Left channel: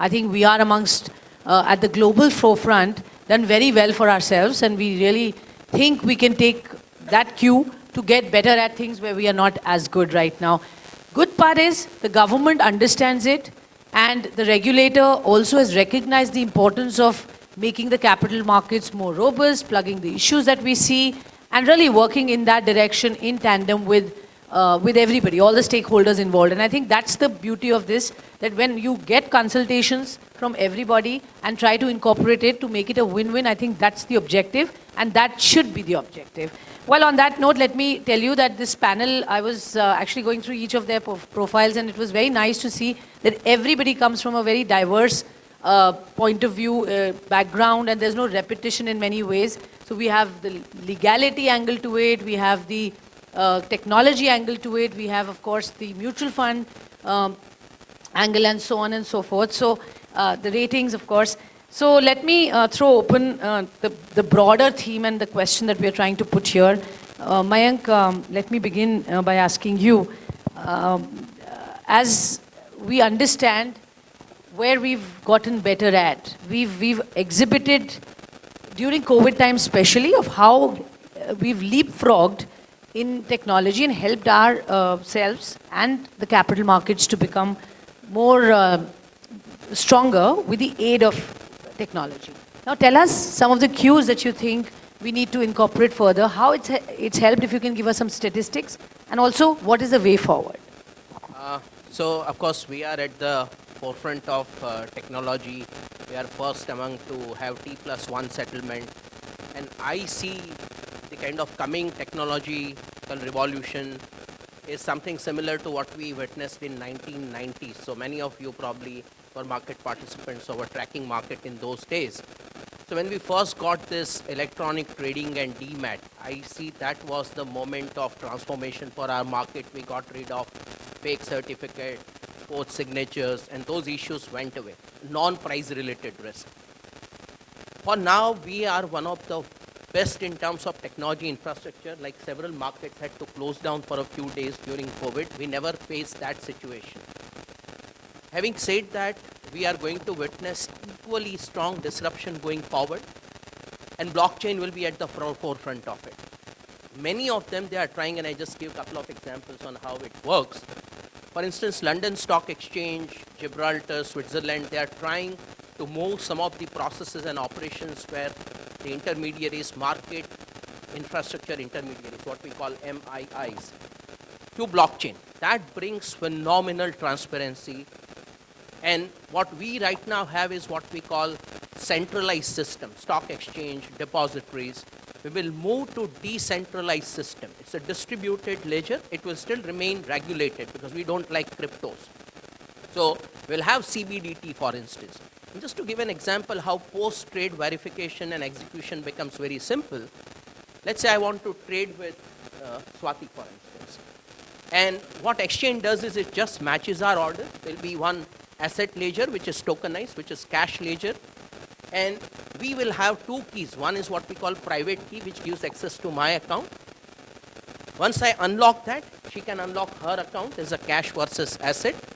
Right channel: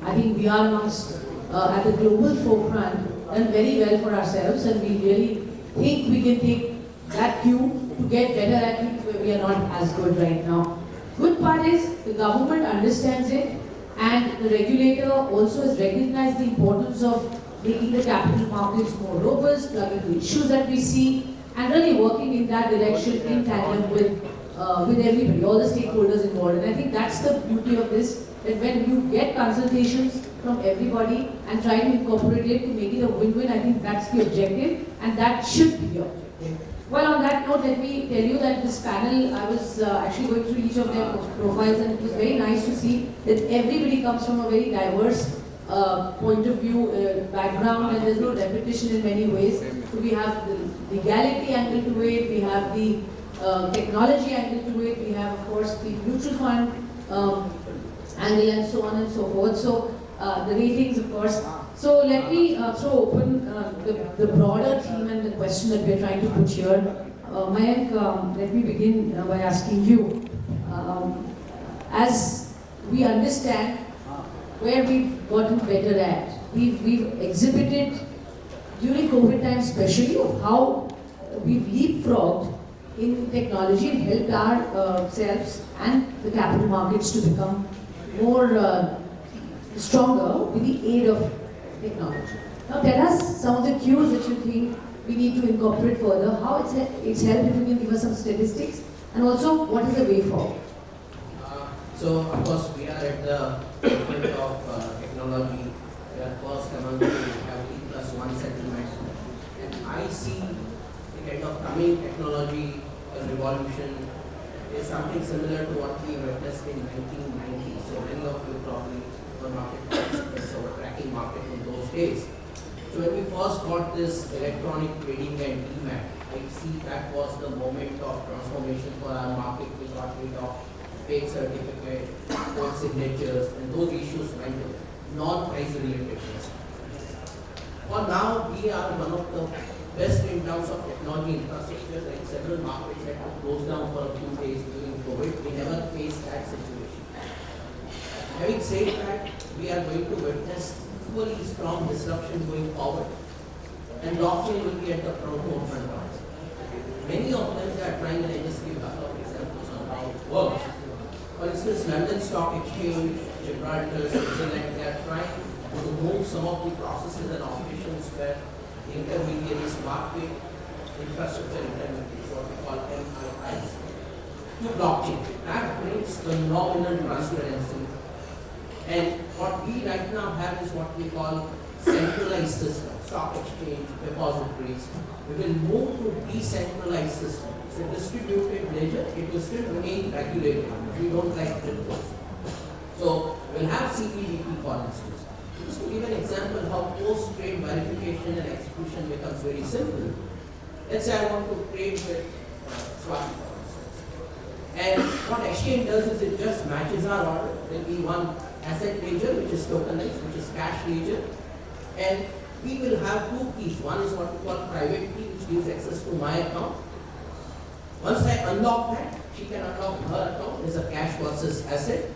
I think we are amongst, at the global forefront, done very well for ourselves, and we really think we can take that cue to get better at things where we are not as good right now. Good part is the government understands it, and the regulator also has recognized the importance of making the capital markets more robust, plugging the issues that we see, and really working in that direction in tandem with everybody, all the stakeholders involved. And I think that's the beauty of this, that when you get consultations from everybody and try to incorporate it to make it a win-win, I think that's the objective, and that should be the objective. Well, on that note, let me tell you that this panel, I was actually going through each of their profiles, and it was very nice to see that everybody comes from a very diverse point of view, background, and there's no repetition in many ways. So we have the legality angle to it, we have the technology angle to it, we have, of course, the mutual fund angle, and so on and so forth. So the ratings, of course. So let me throw open the broader theme and the question that we're trying to put here. Mayank, let me begin by asking you, as we understand where we've gotten better at, we've exhibited during COVID time especially of how we've leapfrogged in technology and helped ourselves and the capital markets to become more stronger with the aid of technology. Now tell us some of the cues that you think we need to incorporate further, how it's helped, if you can give us some statistics, and also what is the way forward. So of course we are at the front of technology. We are first among to have T+1 settlement, and I see the kind of coming technological revolution is something similar to what we witnessed in 1990s. So many of you probably were market participants or were tracking market in those days. So when we first got this electronic trading and DMAT, I see that was the moment of transformation for our market. We got rid of fake certificate, both signatures, and those issues went away. Non-price related risk. For now, we are one of the best in terms of technology infrastructure. Like several markets had to close down for a few days during COVID. We never faced that situation. Having said that, we are going to witness equally strong disruption going forward, and blockchain will be at the forefront of it. Many of them, they are trying, and I just give a couple of examples on how it works. For instance, London Stock Exchange, Gibraltar, Switzerland, they are trying to move some of the processes and operations where the intermediaries, market infrastructure intermediaries, what we call MIIs, to blockchain. That brings phenomenal transparency. And what we right now have is what we call centralized system, stock exchange, depositories. We will move to decentralized system. It's a distributed ledger. It will still remain regulated because we don't like cryptos. So we'll have CBDT, for instance. Just to give an example how post-trade verification and execution becomes very simple. Let's say I want to trade with Swati, for instance. And what exchange does is it just matches our order. There will be one asset ledger which is tokenized, which is cash ledger. And we will have two keys. One is what we call private key, which gives access to my account. Once I unlock that, she can unlock her account as a cash versus asset.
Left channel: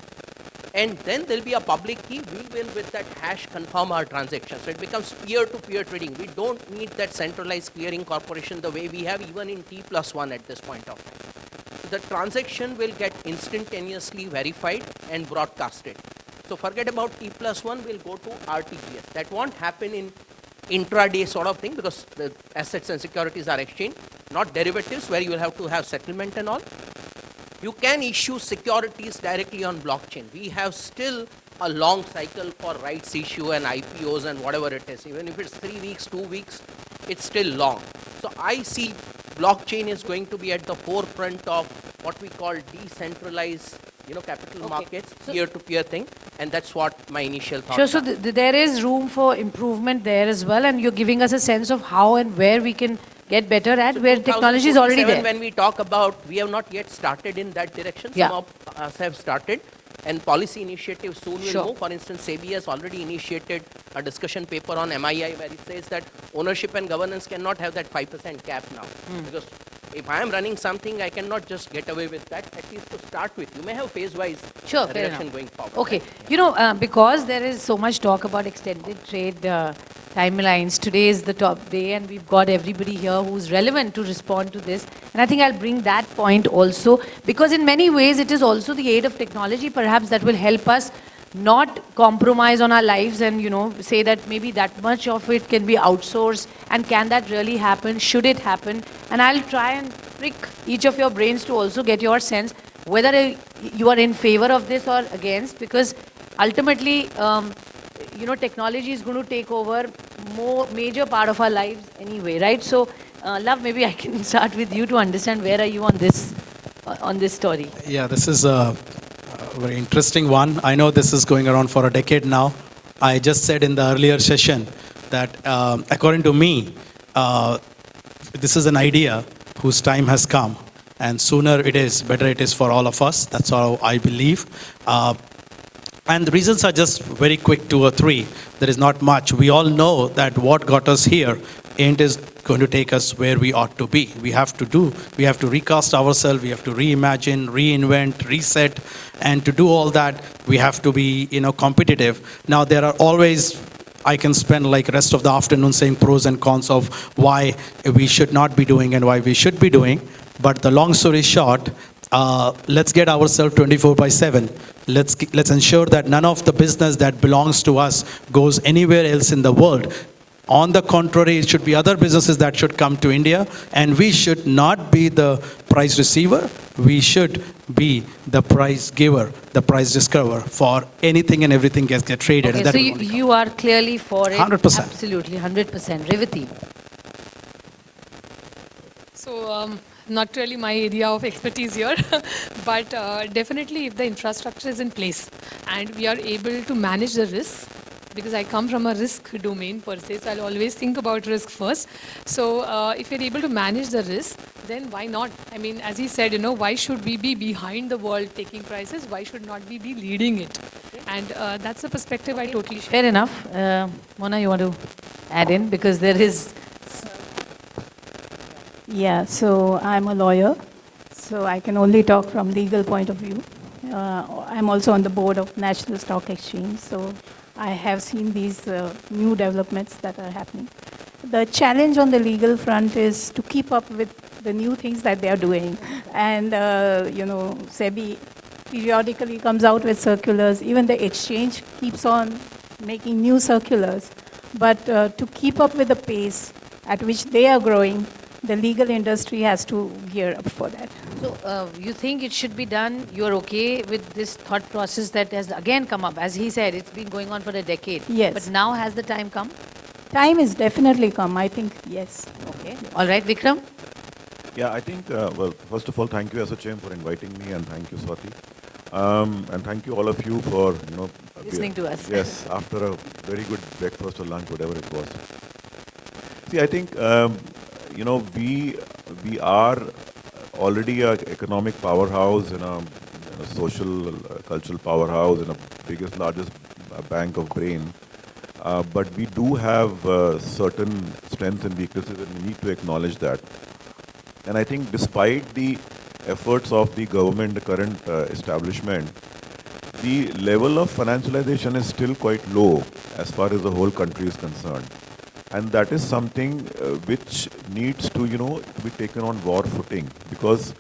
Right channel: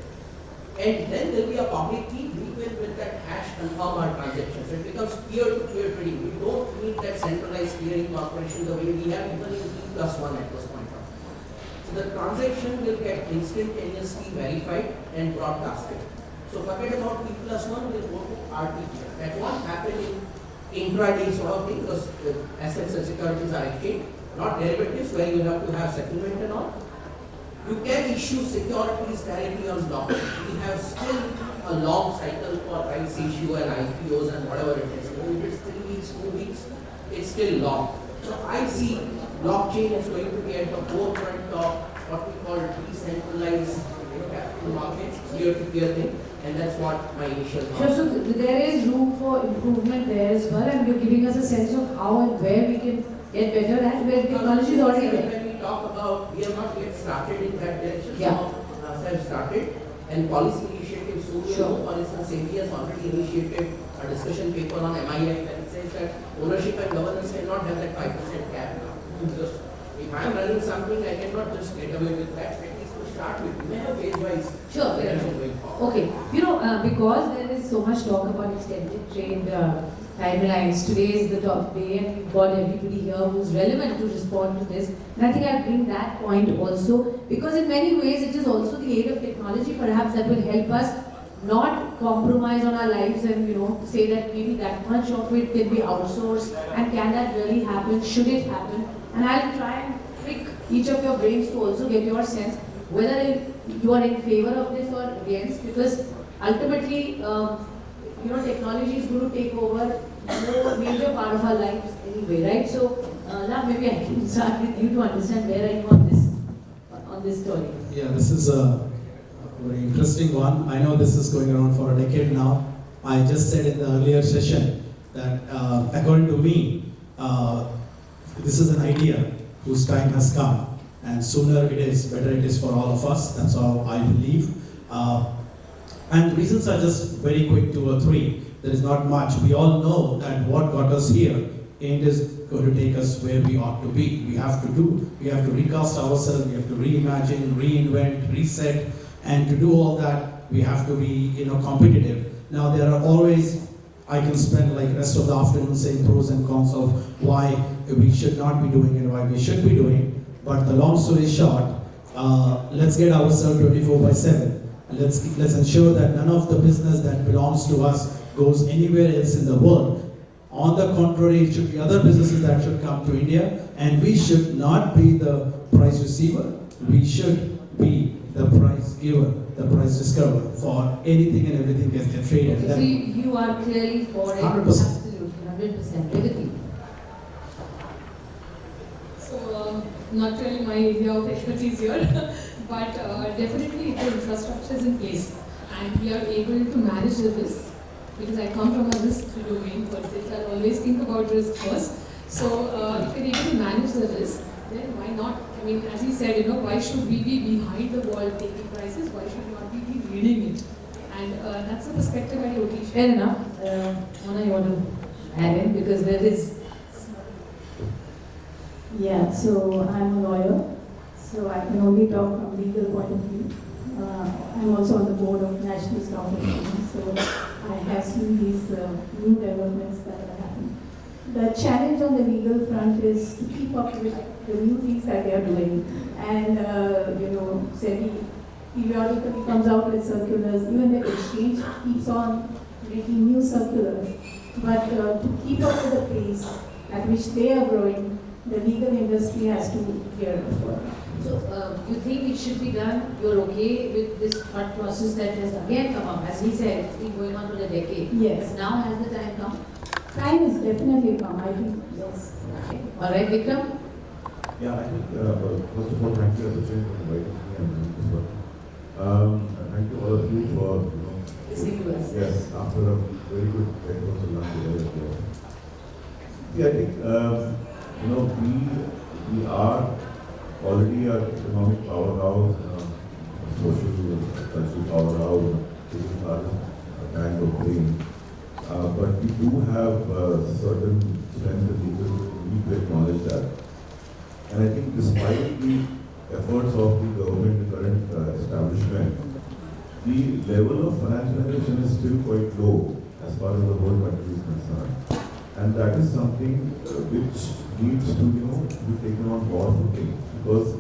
And then there will be a public key. We will, with that hash, confirm our transaction. So it becomes peer-to-peer trading. We don't need that centralized clearing corporation the way we have even in T+1 at this point of time. The transaction will get instantaneously verified and broadcasted. So forget about T+1, we'll go to RTPS. That won't happen in intraday sort of thing because the assets and securities are exchanged, not derivatives where you'll have to have settlement and all. You can issue securities directly on blockchain. We have still a long cycle for rights issue and IPOs and whatever it is. Even if it's 3 weeks, 2 weeks, it's still long. So I see blockchain is going to be at the forefront of what we call decentralized capital markets, peer-to-peer thing, and that's what my initial thought. Sure, so there is room for improvement there as well, and you're giving us a sense of how and where we can get better at, where technology is already there. When we talk about, we have not yet started in that direction. Yeah. Some of us have started, and policy initiatives soon. Sure. For instance, SEBI has already initiated a discussion paper on MII where it says that ownership and governance cannot have that 5% cap now. Because if I am running something, I cannot just get away with that. At least for the start with. We may have phase-wise Sure, fair direction enough. going forward. Okay, because there is so much talk about extended trade timelines, today is the top day and we've got everybody here who's relevant to respond to this. And I think I'll bring that point also, because in many ways it is also the aid of technology perhaps that will help us not compromise on our lives and say that maybe that much of it can be outsourced, and can that really happen, should it happen? And I'll try and prick each of your brains to also get your sense whether you are in favor of this or against, because ultimately technology is going to take over more major part of our lives anyway, right? So Love, maybe I can start with you to understand where are you on this story. Yeah, this is a very interesting one. I know this is going around for a decade now. I just said in the earlier session that according to me, this is an idea whose time has come, and sooner it is, better it is for all of us. That's all I believe. And the reasons are just very quick, 2 or 3. There is not much. We all know that what got us here ain't is going to take us where we ought to be. We have to recast ourselves, we have to reimagine, reinvent, reset, and to do all that, we have to be, competitive. Now, there are always, I can spend like rest of the afternoon saying pros and cons of why we should not be doing and why we should be doing. But the long story short, let's get ourselves 24/7. Let's ensure that none of the business that belongs to us goes anywhere else in the world. On the contrary, it should be other businesses that should come to India, and we should not be the price receiver. We should be the price giver, the price discoverer for anything and everything gets traded. Okay, so you are clearly for it. 100%. Absolutely, 100%. Revati. So, not really my area of expertise here, but definitely if the infrastructure is in place and we are able to manage the risk, because I come from a risk domain per se, so I'll always think about risk first. So if we're able to manage the risk, then why not? I mean, as he said, why should we be behind the world taking prices? Why should not we be leading it? And that's the perspective I totally share. Fair enough. Mona, you want to add in? Because there is... Yeah, so I'm a lawyer, so I can only talk from legal point of view. I'm also on the board of National Stock Exchange, so I have seen these new developments that are happening. The challenge on the legal front is to keep up with the new things that they are doing. And, SEBI periodically comes out with circulars. Even the exchange keeps on making new circulars. But to keep up with the pace at which they are growing, the legal industry has to gear up for that. So, you think it should be done? You're okay with this thought process that has again come up? As he said, it's been going on for a decade. Yes. But now has the time come? Time is definitely come, I think, yes. Okay. All right, Vikram? Yeah, I think, well, first of all, thank you, Asochem, for inviting me, and thank you, Swati. And thank you, all of you, for, Listening to us. Yes, after a very good breakfast or lunch, whatever it was. See, I think, we are already an economic powerhouse and a social, cultural powerhouse and the biggest, largest bank of brain. But we do have certain strengths and weaknesses, and we need to acknowledge that. And I think despite the efforts of the government, the current establishment, the level of financialization is still quite low as far as the whole country is concerned. And that is something which needs to, be taken on broad footing, because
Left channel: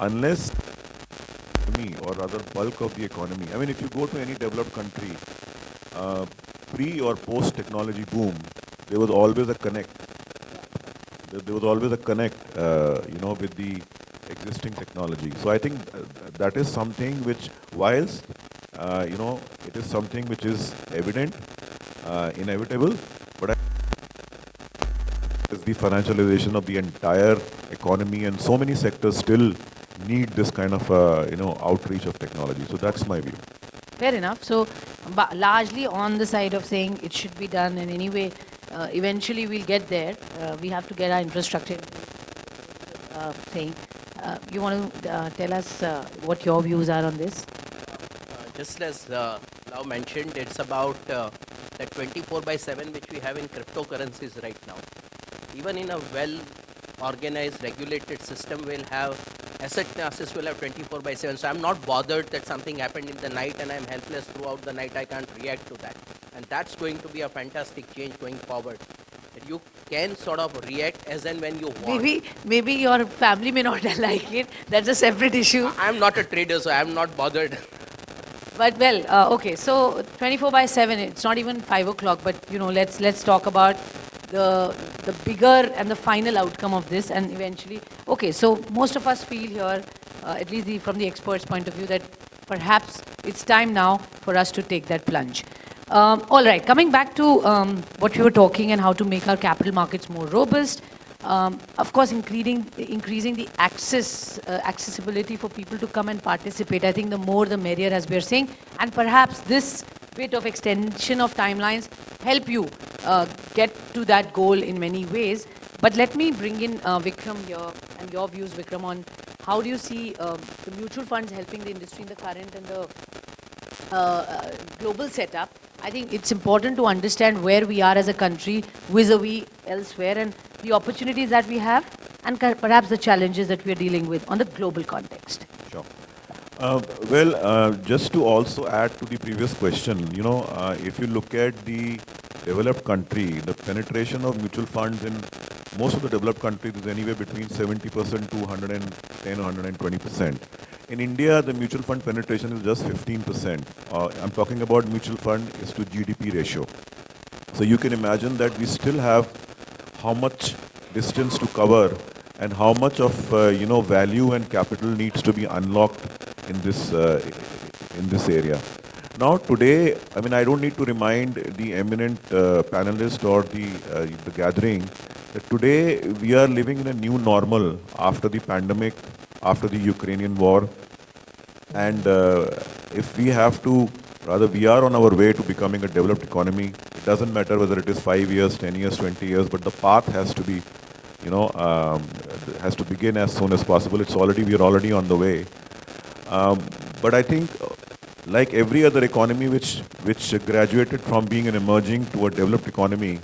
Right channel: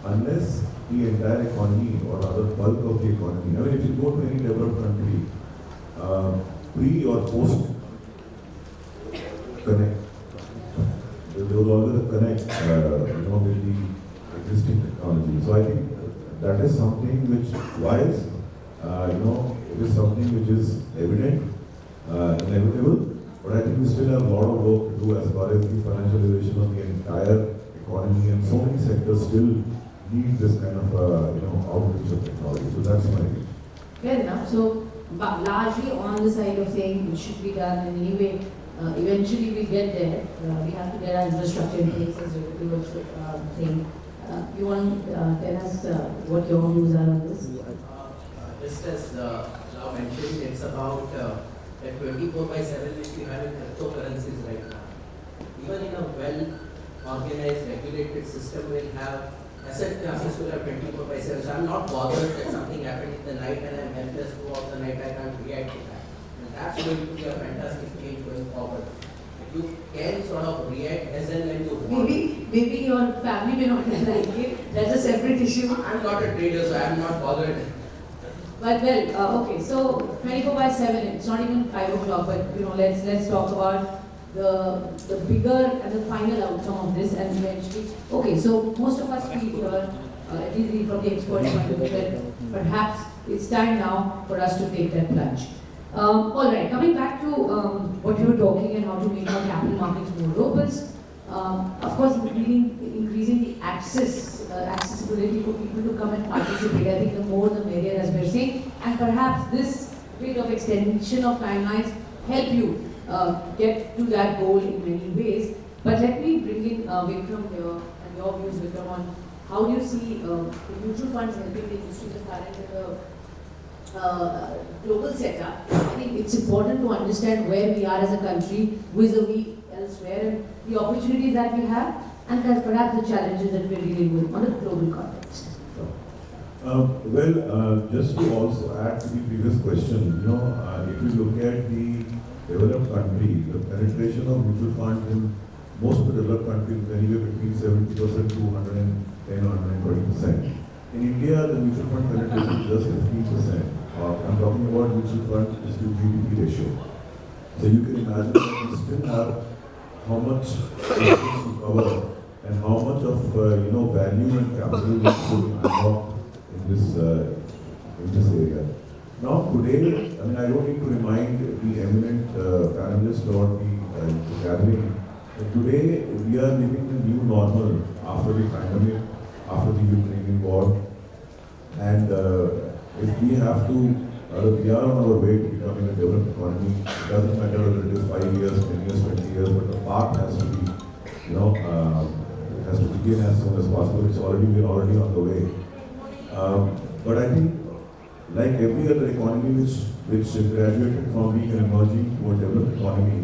unless the entire economy, or rather bulk of the economy, I mean, if you go to any developed country, pre or post technology boom, there was always a connect. There was always a connect, with the existing technology. So I think that is something which, whilst, it is something which is evident, inevitable, but I think we still have a lot of work to do as far as the financialization of the entire economy, and so many sectors still need this kind of, outreach of technology. So that's my view. Fair enough. So, largely on the side of saying it should be done, and anyway, eventually we'll get there. We have to get our infrastructure in place, as you were saying. You want to tell us what your views are on this? Just as now mentioned, it's about that 24/7 which we have in cryptocurrencies right now. Even in a well-organized, regulated system, we'll have asset classes will have 24 by 7. So I'm not bothered that something happened in the night and I'm helpless throughout the night. I can't react to that. And that's going to be a fantastic change going forward. You can sort of react as and when you want. Maybe your family may not like it. That's a separate issue. I'm not a trader, so I'm not bothered. But well, okay. So 24 by 7. It's not even 5 o'clock. But let's talk about the bigger and the final outcome of this, and eventually. Okay. So most of us feel here, at least from the experts' point of view, that perhaps it's time now for us to take that plunge. All right, coming back to what we were talking and how to make our capital markets more robust. Of course, increasing the accessibility for people to come and participate. I think the more the merrier, as we are saying. And perhaps this bit of extension of timelines help you get to that goal in many ways. But let me bring in Vikram here and your views, Vikram, on how do you see the mutual funds helping the industry, the current and the global setup. I think it's important to understand where we are as a country vis-a-vis elsewhere and the opportunities that we have and perhaps the challenges that we're dealing with on the global context. Sure. Just to also add to the previous question, if you look at the developed country, the penetration of mutual funds in most of the developed countries is anywhere between 70% to 110 or 120%. In India, the mutual fund penetration is just 15%. I'm talking about mutual fund is to GDP ratio. So you can imagine that we still have how much distance to cover and how much of value and capital needs to be unlocked in this area. Now today, I don't need to remind the eminent panelist or the gathering that today we are living in a new normal after the pandemic, after the Ukrainian war, and if we have to, rather we are on our way to becoming a developed economy. It doesn't matter whether it is 5 years, 10 years, 20 years, but the path has to be, has to begin as soon as possible. We are already on the way. But I think, like every other economy which graduated from being an emerging to a developed economy,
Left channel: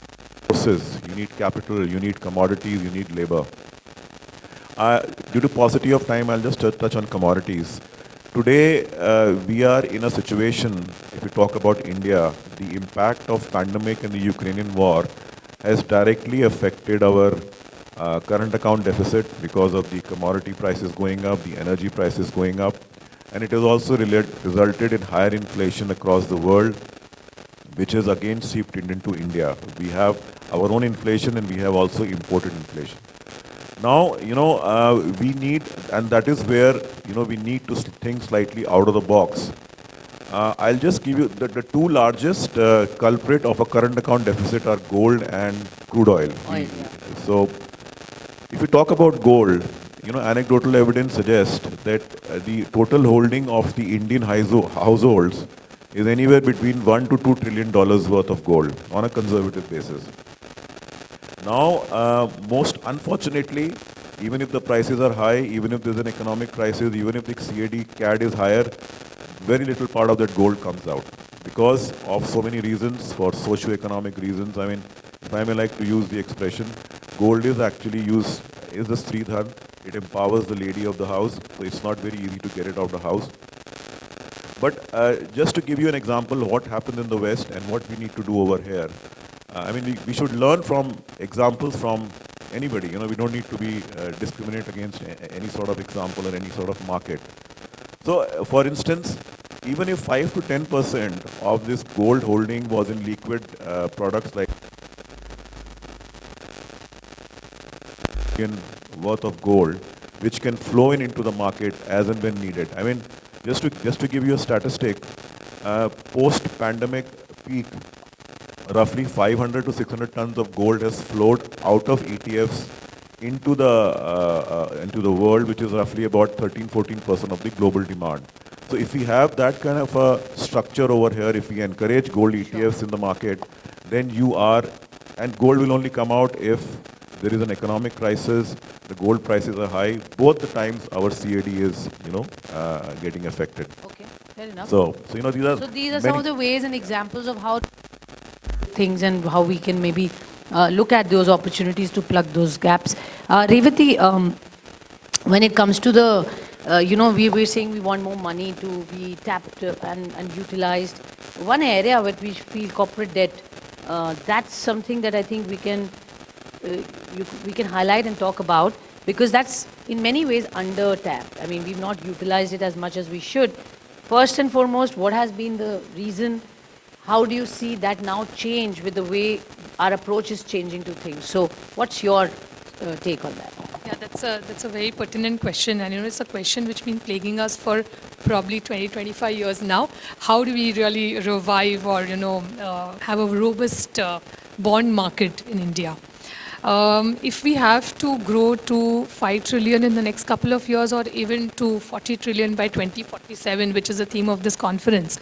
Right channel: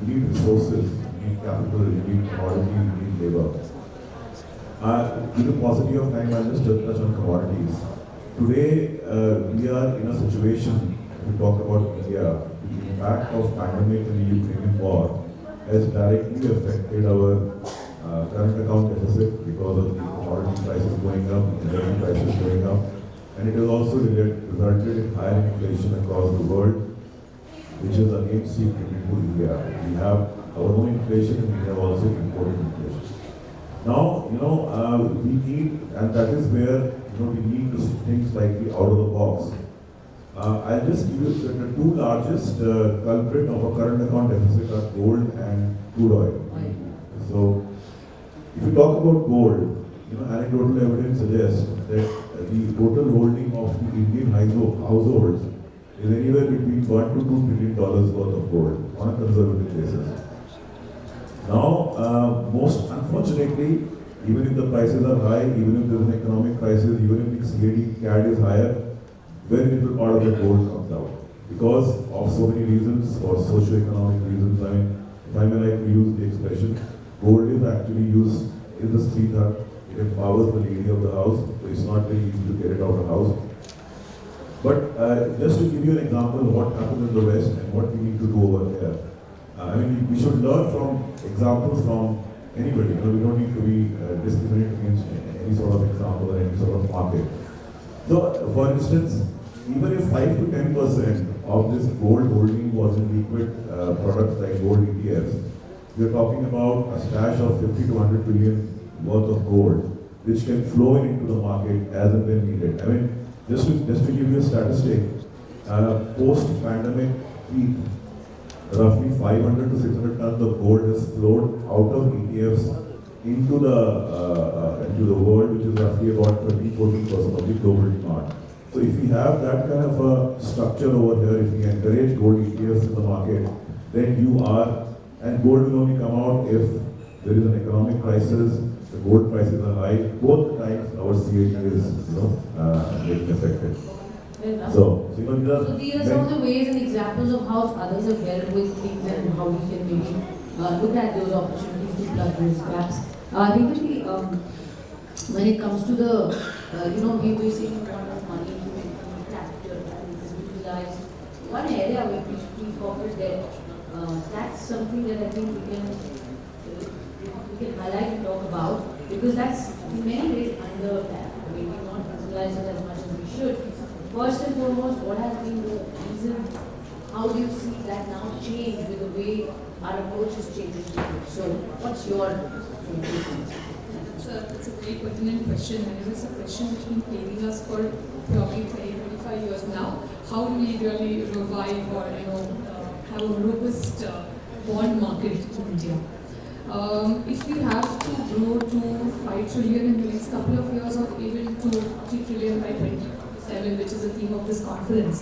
you need resources, you need capital, you need commodities, you need labor. Due to paucity of time, I'll just touch on commodities. Today, we are in a situation, if we talk about India, the impact of pandemic and the Ukrainian war has directly affected our current account deficit because of the commodity prices going up, the energy prices going up, and it has also resulted in higher inflation across the world, which has again seeped into India. We have our own inflation and we have also imported inflation. Now, we need, and that is where, we need to think slightly out of the box. I'll just give you the two largest culprit of a current account deficit are gold and crude oil. So, if you talk about gold, anecdotal evidence suggests that the total holding of the Indian households is anywhere between $1 to $2 trillion worth of gold on a conservative basis. Now, most unfortunately, even if the prices are high, even if there's an economic crisis, even if the CAD is higher, very little part of that gold comes out because of so many reasons, for socio-economic reasons. If I may like to use the expression, gold is actually used, is the Sridhar. It empowers the lady of the house, so it's not very easy to get it out of the house. But just to give you an example of what happens in the West and what we need to do over here. We should learn from examples from anybody. We don't need to be discriminate against any sort of example or any sort of market. So, for instance, even if 5 to 10% of this gold holding was in liquid products like gold ETF, we're talking about a stash of 50 to 100 billion worth of gold, which can flow into the market as and when needed. Just to give you a statistic, post-pandemic peak, roughly 500 to 600 tons of gold has flowed out of ETFs into the world, which is roughly about 13-14% of the global demand. So if we have that kind of a structure over here, if we encourage gold ETFs in the market, then and gold will only come out if there is an economic crisis, the gold prices are high, both the times our CAD is, getting affected. So these are some of the ways and examples of how others have dealt with things and how we can maybe look at those opportunities to plug those gaps. Revati, when it comes to the, we're saying we want more money to be tapped and utilized. One area where we feel corporate debt, that's something that I think we can highlight and talk about, because that's in many ways under tapped. I mean, we've not utilized it as much as we should. First and foremost, what has been the reason? How do you see that now change with the way our approach is changing to things? So what's your take on that? Yeah, that's a very pertinent question, and it's a question which has been plaguing us for probably 25 years now. How do we really revive or have a robust bond market in India? If we have to grow to 5 trillion in the next couple of years, or even to 40 trillion by 2047, which is the theme of this conference,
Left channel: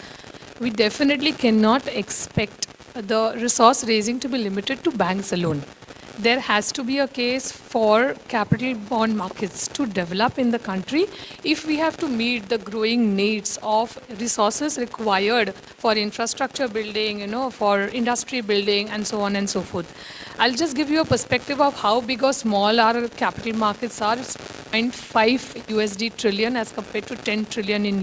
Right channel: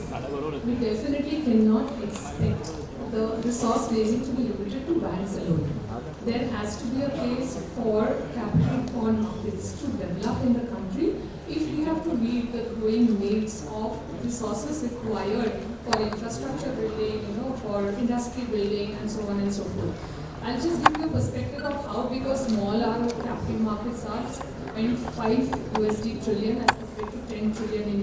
we definitely cannot expect the resource raising to be limited to banks alone. There has to be a case for capital bond markets to develop in the country if we have to meet the growing needs of resources required for infrastructure building, for industry building, and so on and so forth. I'll just give you a perspective of how big or small our capital markets are. It's 0.5 USD trillion as compared to 10 trillion in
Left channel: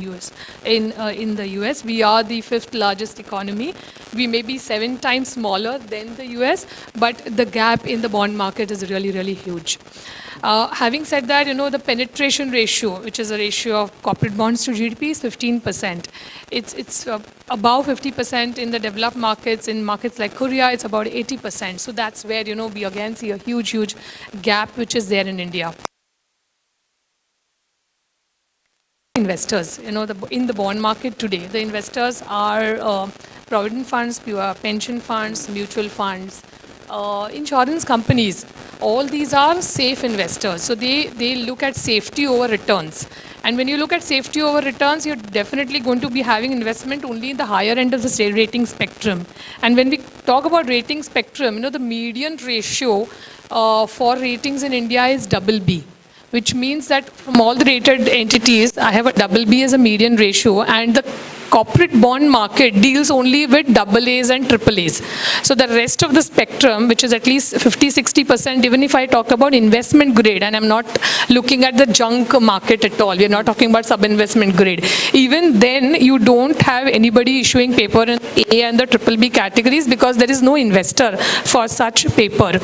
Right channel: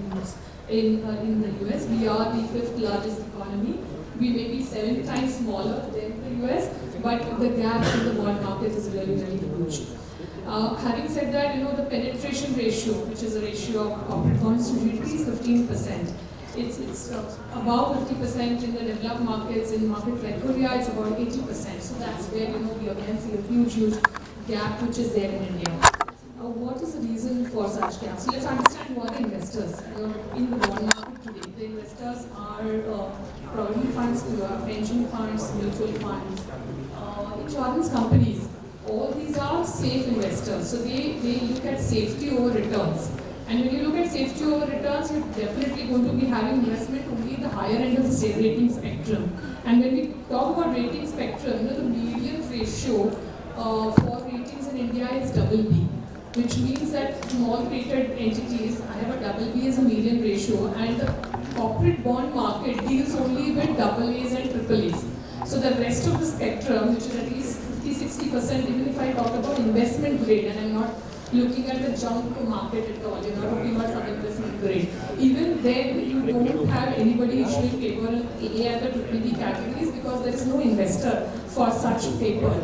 the US. We are the 5th largest economy. We may be 7 times smaller than the US, but the gap in the bond market is really, really huge. Having said that, the penetration ratio, which is a ratio of corporate bonds to GDP, is 15%. It's above 50% in the developed markets. In markets like Korea, it's about 80%. So that's where, we again see a huge, huge gap which is there in India. What is the reason for such gaps? So let's understand what investors, in the bond market today. The investors are provident funds, pension funds, mutual funds, insurance companies. All these are safe investors. So they look at safety over returns. And when you look at safety over returns, you're definitely going to be having investment only at the higher end of the rating spectrum. And when we talk about rating spectrum, the median ratio for ratings in India is BB, which means that from all the rated entities, I have a BB as a median ratio, and the corporate bond market deals only with AAs and AAAs. So the rest of the spectrum, which is at least 50-60%, even if I talk about investment grade, and I'm not looking at the junk market at all, we're not talking about sub-investment grade. Even then, you don't have anybody issuing paper in A and the BBB categories, because there is no investor for such paper.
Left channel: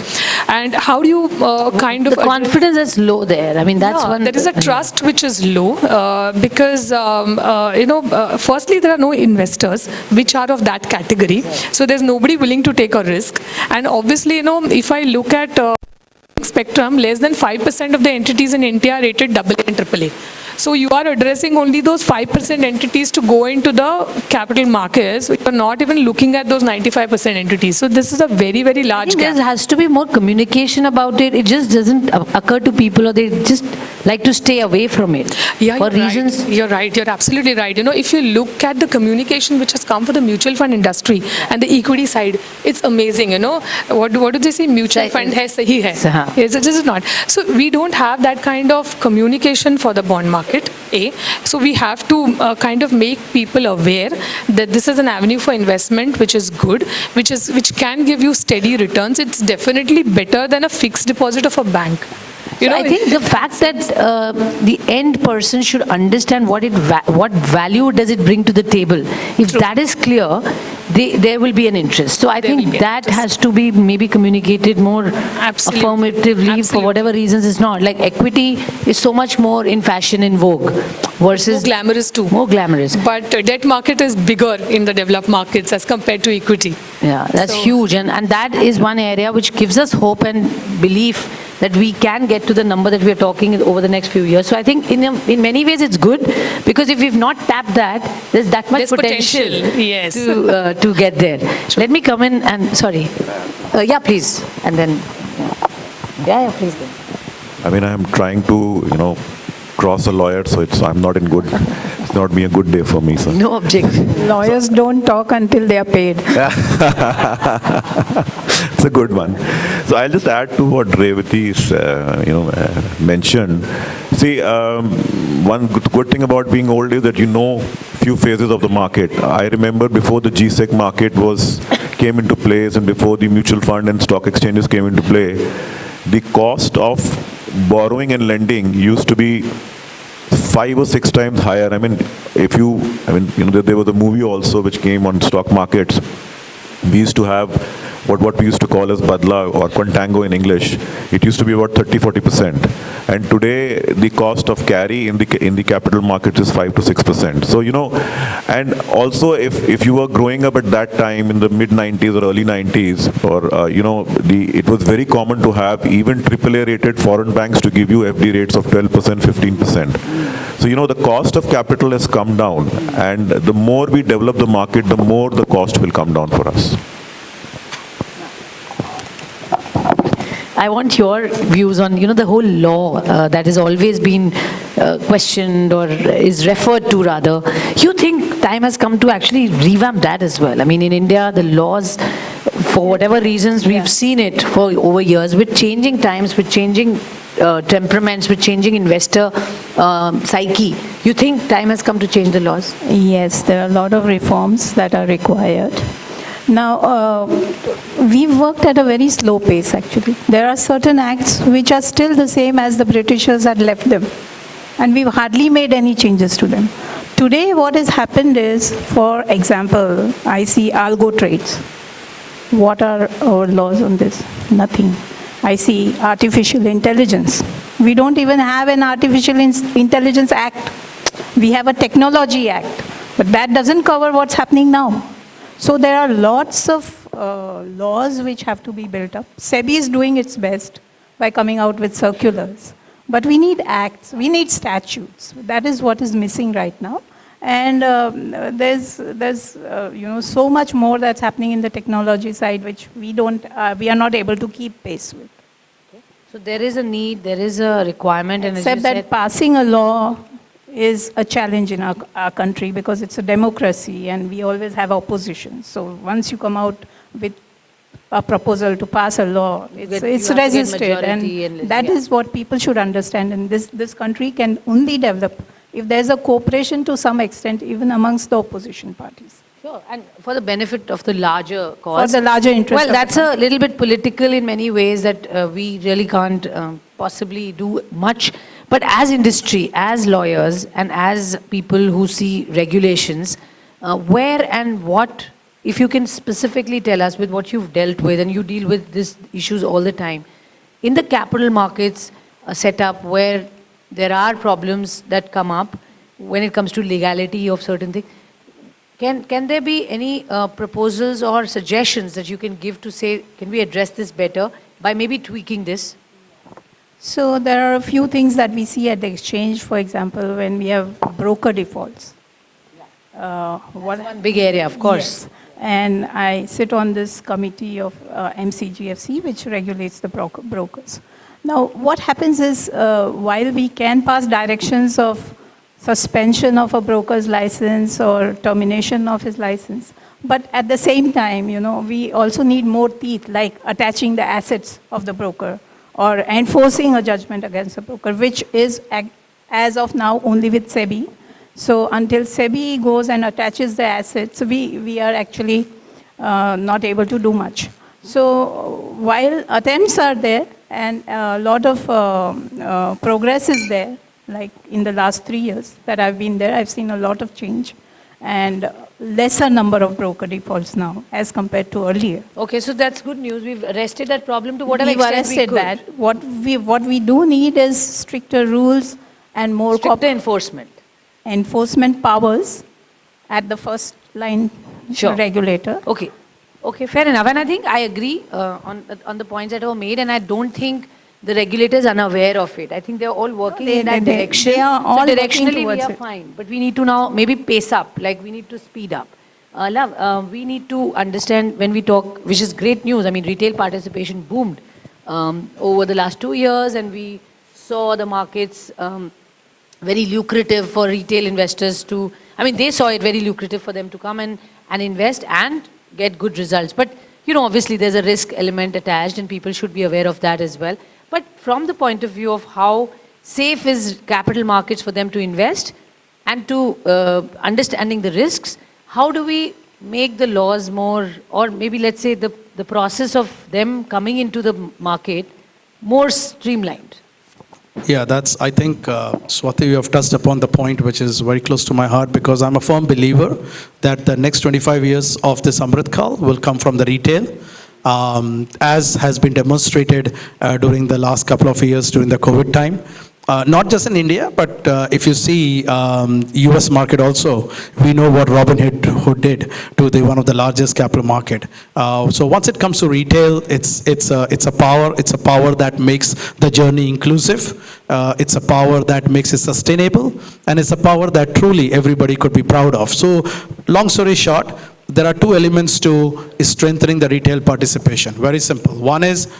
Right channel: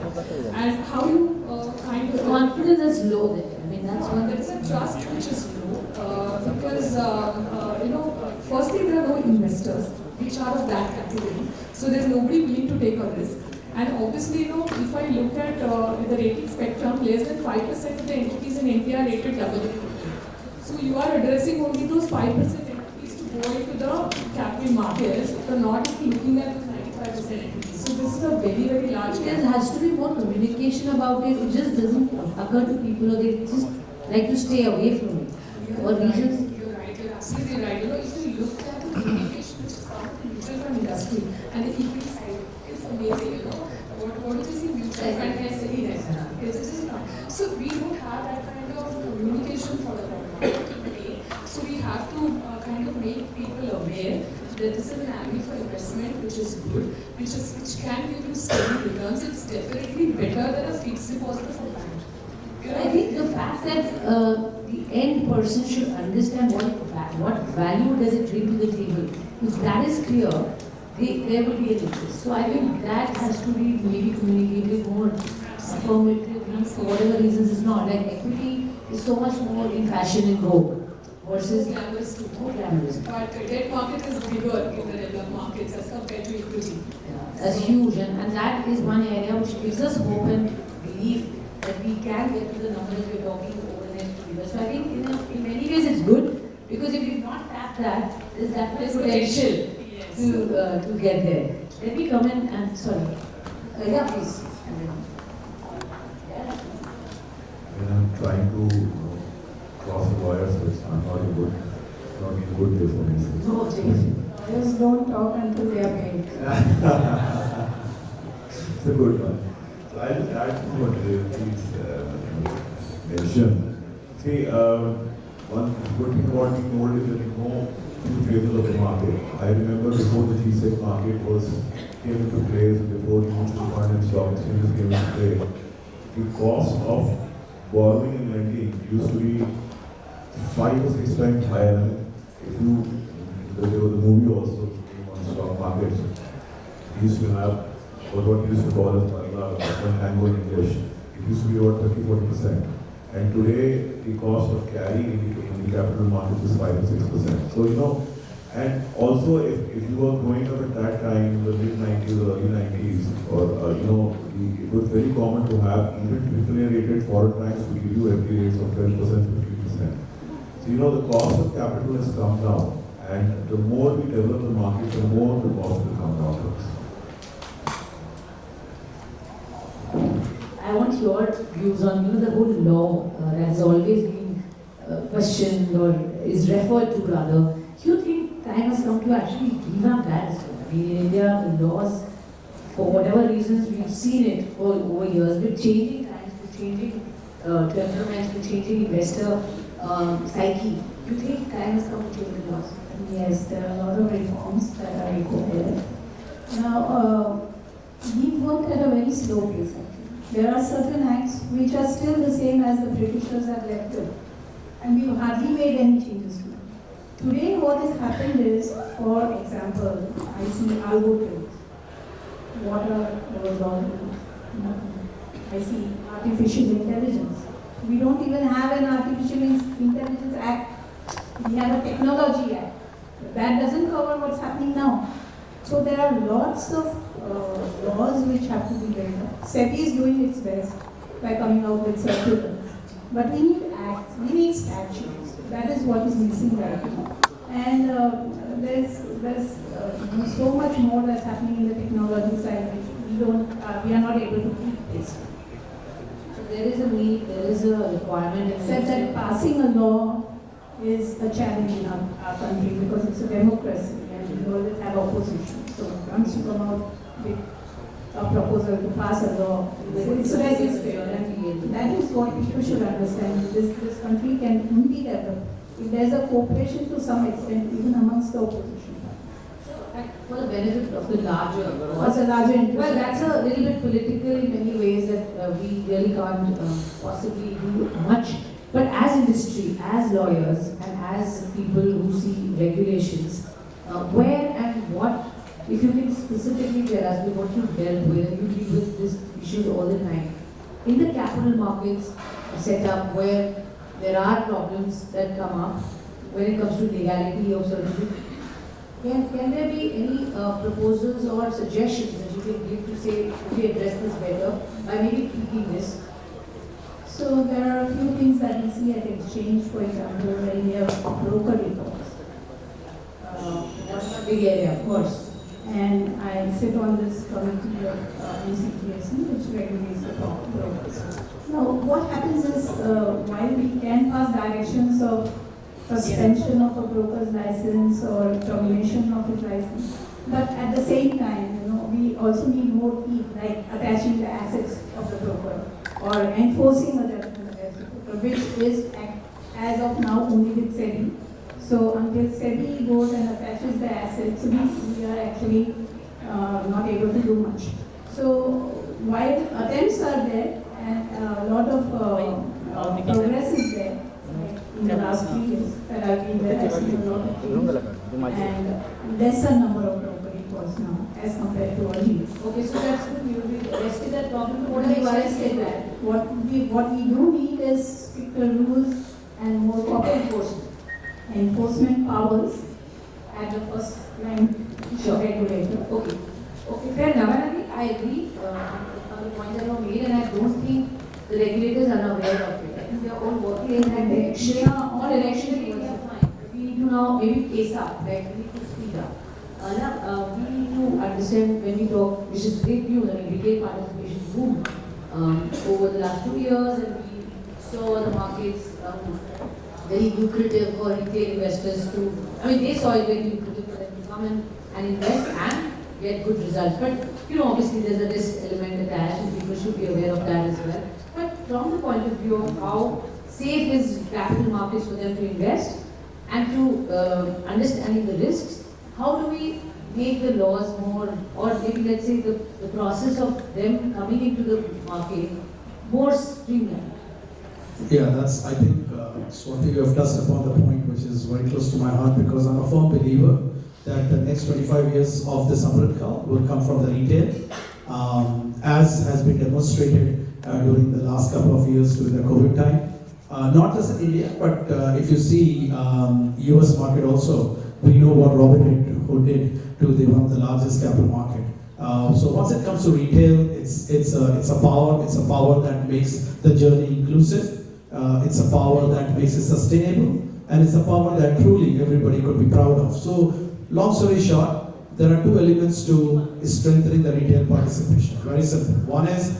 And how do you The confidence is low there. I mean, that's one. There is a trust which is low because, firstly, there are no investors which are of that category. So there's nobody willing to take a risk. And obviously, if I look at the rating spectrum, less than 5% of the entities in India are rated AA and AAA. So you are addressing only those 5% entities to go into the capital markets. You are not even looking at those 95% entities. So this is a very, very large gap. There has to be more communication about it. It just doesn't occur to people, or they just like to stay away from it. Yeah, for reasons. Right. You're right. You're absolutely right. If you look at the communication which has come for the mutual fund industry and the equity side, it's amazing. What do they say? Mutual fund hai, sahi hai. Yes, it is not. So we don't have that kind of communication for the bond market. So we have to kind of make people aware that this is an avenue for investment which is good, which can give you steady returns. It's definitely better than a fixed deposit of a bank. I think the fact that the end person should understand what value does it bring to the table. If that is clear, there will be an interest. So I think that has to be maybe communicated more affirmatively. For whatever reasons it's not. Like equity is so much more in fashion, in vogue, versus more glamorous too. More glamorous. But debt market is bigger in the developed markets as compared to equity. Yeah, that's huge, and that is one area which gives us hope and belief that we can get to the number that we are talking over the next few years. So I think in many ways it's good, because if we've not tapped that, there's that much potential yes, to get there. Let me come in and, sorry. Yeah, please. And then, yeah, please go. I mean, I'm trying to, cross a lawyer, so I'm not in good, it's not been a good day for me, sir. No objection. Lawyers don't talk until they are paid. It's a good one. So I'll just add to what Revati's, mentioned. See, one good thing about being old is that few phases of the market. I remember before the GSEC market came into place, and before the mutual fund and stock exchanges came into play, the cost of borrowing and lending used to be 5 or 6 times higher. I mean, there was a movie also which came on stock markets. We used to have what we used to call as badla or contango in English. It used to be about 30-40%, and today the cost of carry in the capital markets is 5 to 6%. So and also if you were growing up at that time in the mid 90s or early 90s, or it was very common to have even AAA rated foreign banks to give you FD rates of 12%, 15%. So the cost of capital has come down, and the more we develop the market, the more the cost will come down for us. I want your views on, the whole law that has always been questioned or is referred to rather. You think time has come to actually revamp that as well? I mean, in India, the laws, for whatever reasons, we've seen it for over years, with changing times, with changing temperaments, with changing investor psyche. You think time has come to change the laws? Yes, there are a lot of reforms that are required. Now, we've worked at a very slow pace, actually. There are certain acts which are still the same as the Britishers had left them, and we've hardly made any changes to them. Today, what has happened is, for example, I see algo trades. What are our laws on this? Nothing. I see artificial intelligence. We don't even have an artificial intelligence act. We have a technology act, but that doesn't cover what's happening now. So there are lots of laws which have to be built up. SEBI is doing its best by coming out with circulars. But we need acts, we need statutes. That is what is missing right now. And there's so much more that's happening in the technology side which we are not able to keep pace with. So there is a need, there is a requirement, and except that passing a law is a challenge in our country because it's a democracy and we always have opposition. So once you come out with a proposal to pass a law, it's resisted, and that is what people should understand. And this country can only develop if there's a cooperation to some extent, even amongst the opposition parties. Sure, and for the benefit of the larger cause. For the larger interest. Well, that's a little bit political in many ways that we really can't possibly do much. But as industry, as lawyers, and as people who see regulations, where and what, if you can specifically tell us with what you've dealt with, and you deal with these issues all the time, in the capital markets setup where there are problems that come up when it comes to legality of certain things, can there be any proposals or suggestions that you can give to say, can we address this better by maybe tweaking this? So there are a few things that we see at the exchange, for example, when we have broker defaults. One big area, of course. Yes. And I sit on this committee of MCGFC, which regulates the brokers. Now, what happens is, while we can pass directions of suspension of a broker's license or termination of his license, but at the same time, we also need more teeth, like attaching the assets of the broker, or enforcing a judgment against a broker, which is, as of now, only with SEBI. So until SEBI goes and attaches the assets, we are actually not able to do much. So while attempts are there, and a lot of progress is there, like in the last 3 years that I've been there, I've seen a lot of change, and lesser number of broker defaults now as compared to earlier. Okay, so that's good news. We've arrested that problem to whatever extent arrested we could. that. What we do need is stricter rules and more Stricter enforcement powers at the first line regulator. Okay, fair enough. And I think I agree on the points that were made, and I don't think the regulators are unaware of it. I think they're all working in that direction. They are all so directionally we are it. fine. But we need to now maybe pace up, like we need to speed up. We need to understand when we talk, which is great news. I mean, retail participation boomed over the last 2 years, and we saw the markets very lucrative for retail investors to, they saw it very lucrative for them to come and invest and get good results. But, obviously there's a risk element attached, and people should be aware of that as well. But from the point of view of how safe is capital markets for them to invest, and to understanding the risks, how do we make the laws more, or maybe let's say the process of them coming into the market more streamlined? Yeah, I think, Swati, you have touched upon the point which is very close to my heart, because I'm a firm believer that the next 25 years of this Amrit Kal will come from the retail, as has been demonstrated during the last couple of years during the COVID time. Not just in India, but if you see US market also, we know what Robinhood did to one of the largest capital market. So once it comes to retail, it's a power that makes the journey inclusive. It's a power that makes it sustainable, and it's a power that truly everybody could be proud of. So long story short, there are two elements to strengthening the retail participation. Very simple. One is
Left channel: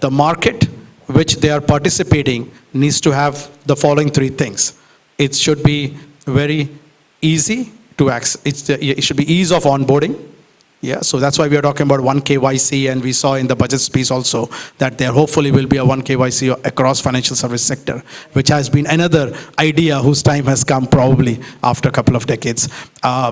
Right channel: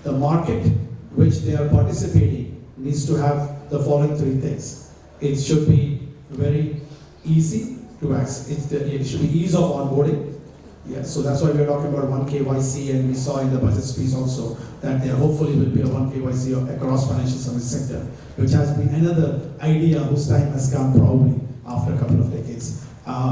the market which they are participating needs to have the following three things. It should be very easy to access. It should be ease of onboarding. Yeah, so that's why we are talking about 1 KYC, and we saw in the budget speech also that there hopefully will be a 1 KYC across financial service sector, which has been another idea whose time has come probably after a couple of decades.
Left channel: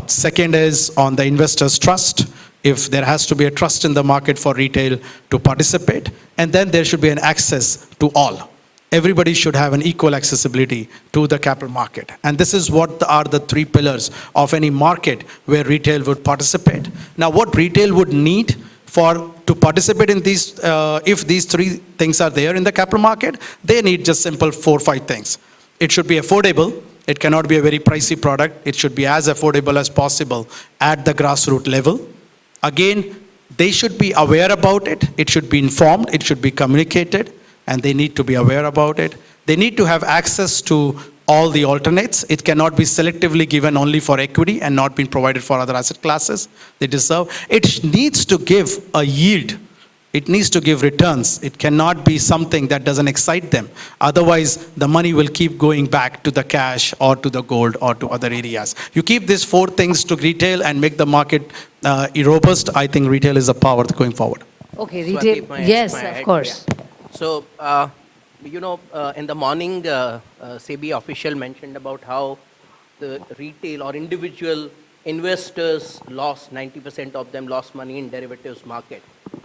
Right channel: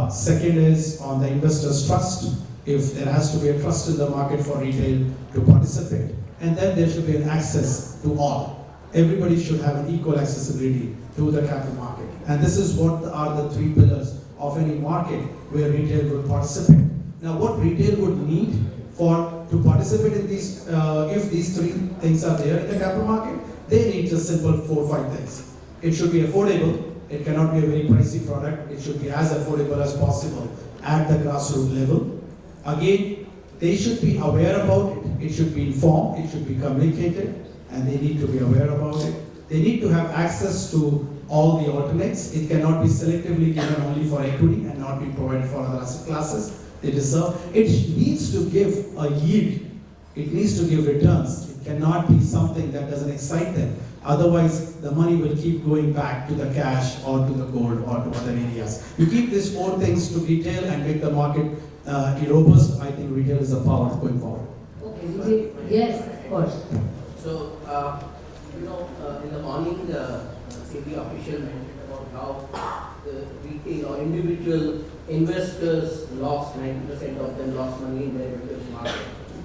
Second is on the investors' trust. If there has to be a trust in the market for retail to participate, and then there should be an access to all. Everybody should have an equal accessibility to the capital market. And this is what are the three pillars of any market where retail would participate. Now, what retail would need to participate in these, if these three things are there in the capital market, they need just simple 4 or 5 things. It should be affordable. It cannot be a very pricey product. It should be as affordable as possible at the grassroots level. Again, they should be aware about it. It should be informed. It should be communicated, and they need to be aware about it. They need to have access to all the alternates. It cannot be selectively given only for equity and not being provided for other asset classes they deserve. It needs to give a yield. It needs to give returns. It cannot be something that doesn't excite them. Otherwise, the money will keep going back to the cash or to the gold or to other areas. You keep these 4 things to retail and make the market robust. I think retail is a power going forward. Okay, So retail. Yes, of course. So, in the morning, SEBI official mentioned about how the retail or individual investors lost, 90% of them lost money in derivatives market.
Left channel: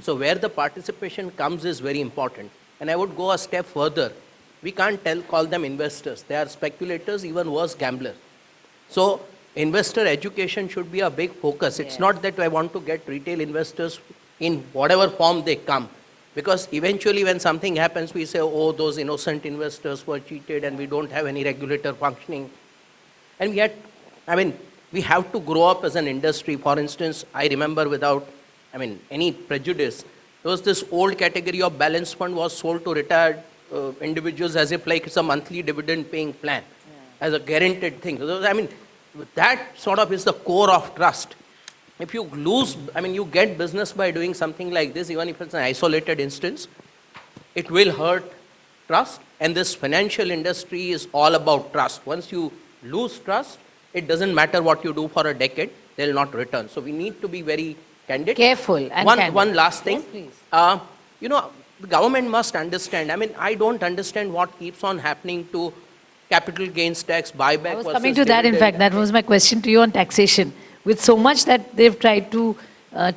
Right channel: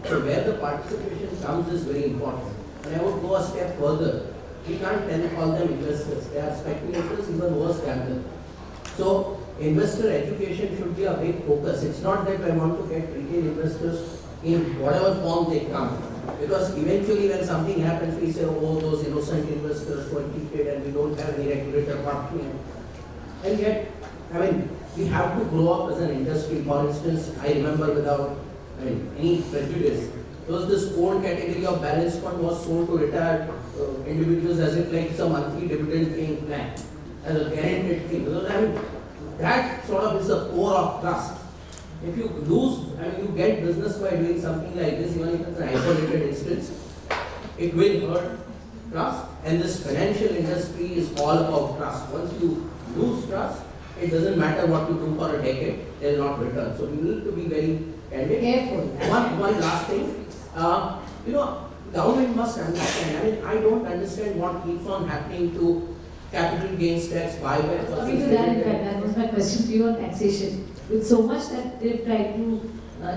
So where the participation comes is very important. And I would go a step further. We can't call them investors. They are speculators, even worse, gamblers. So investor education should be a big focus. It's not that I want to get retail investors in whatever form they come. Because eventually when something happens, we say, oh, those innocent investors were cheated and we don't have any regulator functioning. And yet, we have to grow up as an industry. For instance, I remember without any prejudice, there was this old category of balance fund was sold to retired individuals as if like it's a monthly dividend paying plan, as a guaranteed thing. That sort of is the core of trust. If you lose, you get business by doing something like this, even if it's an isolated instance, it will hurt trust. And this financial industry is all about trust. Once you lose trust, it doesn't matter what you do for a decade, they'll not return. So we need to be very candid. Careful. One last thing. The government must understand. I don't understand what keeps on happening to capital gains tax, buyback. Coming to that, in fact, that was my question to you on taxation. With so much that they've tried to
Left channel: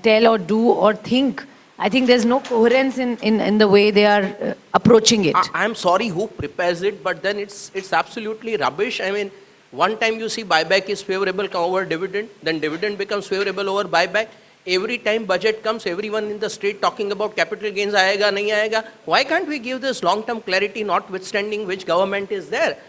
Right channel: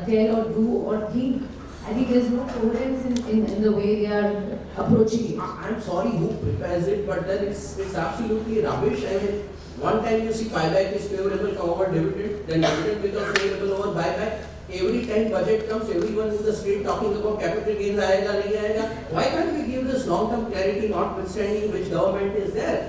tell or do or think, I think there's no coherence in the way they are approaching it. I'm sorry who prepares it, but then it's absolutely rubbish. One time you see buyback is favorable over dividend, then dividend becomes favorable over buyback. Every time budget comes, everyone in the state talking about capital gains, aayega, nahi aayega. Why can't we give this long-term clarity, notwithstanding which government is there?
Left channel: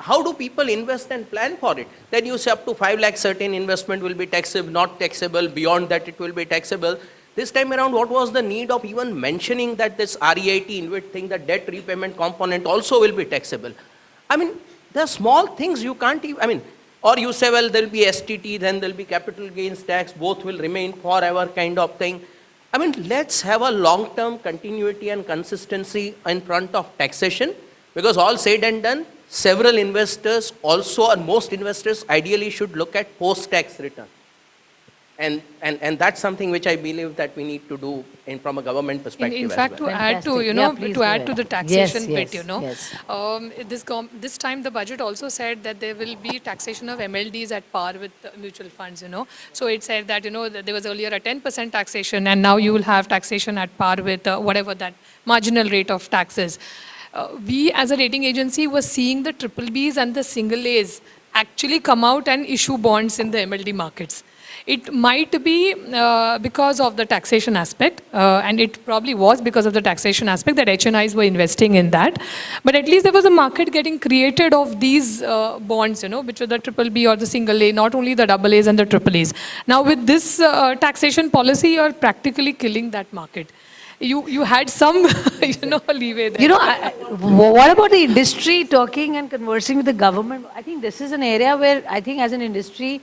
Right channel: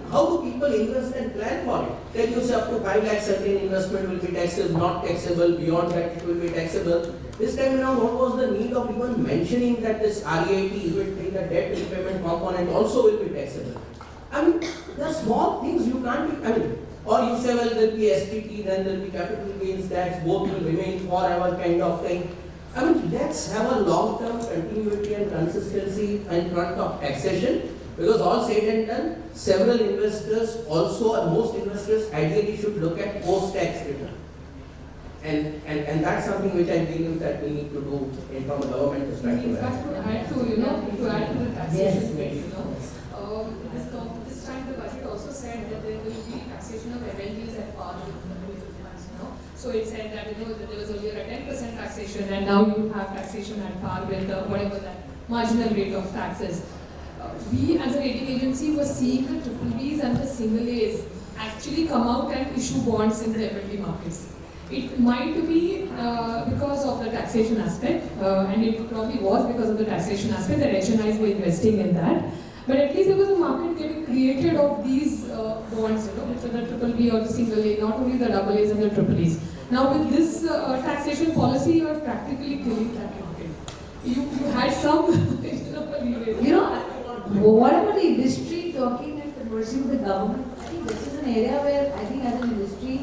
How do people invest and plan for it? Then you say up to 5 lakh certain investment will be taxable, not taxable, beyond that it will be taxable. This time around, what was the need of even mentioning that this REIT InvIT thing, the debt repayment component also will be taxable? There are small things you can't even, or you say, well, there will be STT, then there will be capital gains tax, both will remain forever kind of thing. Let's have a long-term continuity and consistency in front of taxation, because all said and done, several investors also, and most investors ideally should look at post-tax return. And that's something which I believe that we need to do from a government perspective. In fact, to add to the taxation bit, this time the budget also said that there will be taxation of MLDs at par with the mutual funds, So it said that, that there was earlier a 10% taxation, and now you will have taxation at par with whatever that marginal rate of taxes. we as a rating agency were seeing the triple Bs and the single As actually come out and issue bonds in the MLD markets. It might be because of the taxation aspect, and it probably was because of the taxation aspect that HNIs were investing in that. But at least there was a market getting created of these bonds, which were the triple B or the single A, not only the double As and the triple As. Now with this taxation policy, you are practically killing that market. You had some, leeway there. What about the industry talking and conversing with the government? I think this is an area where I think as an industry,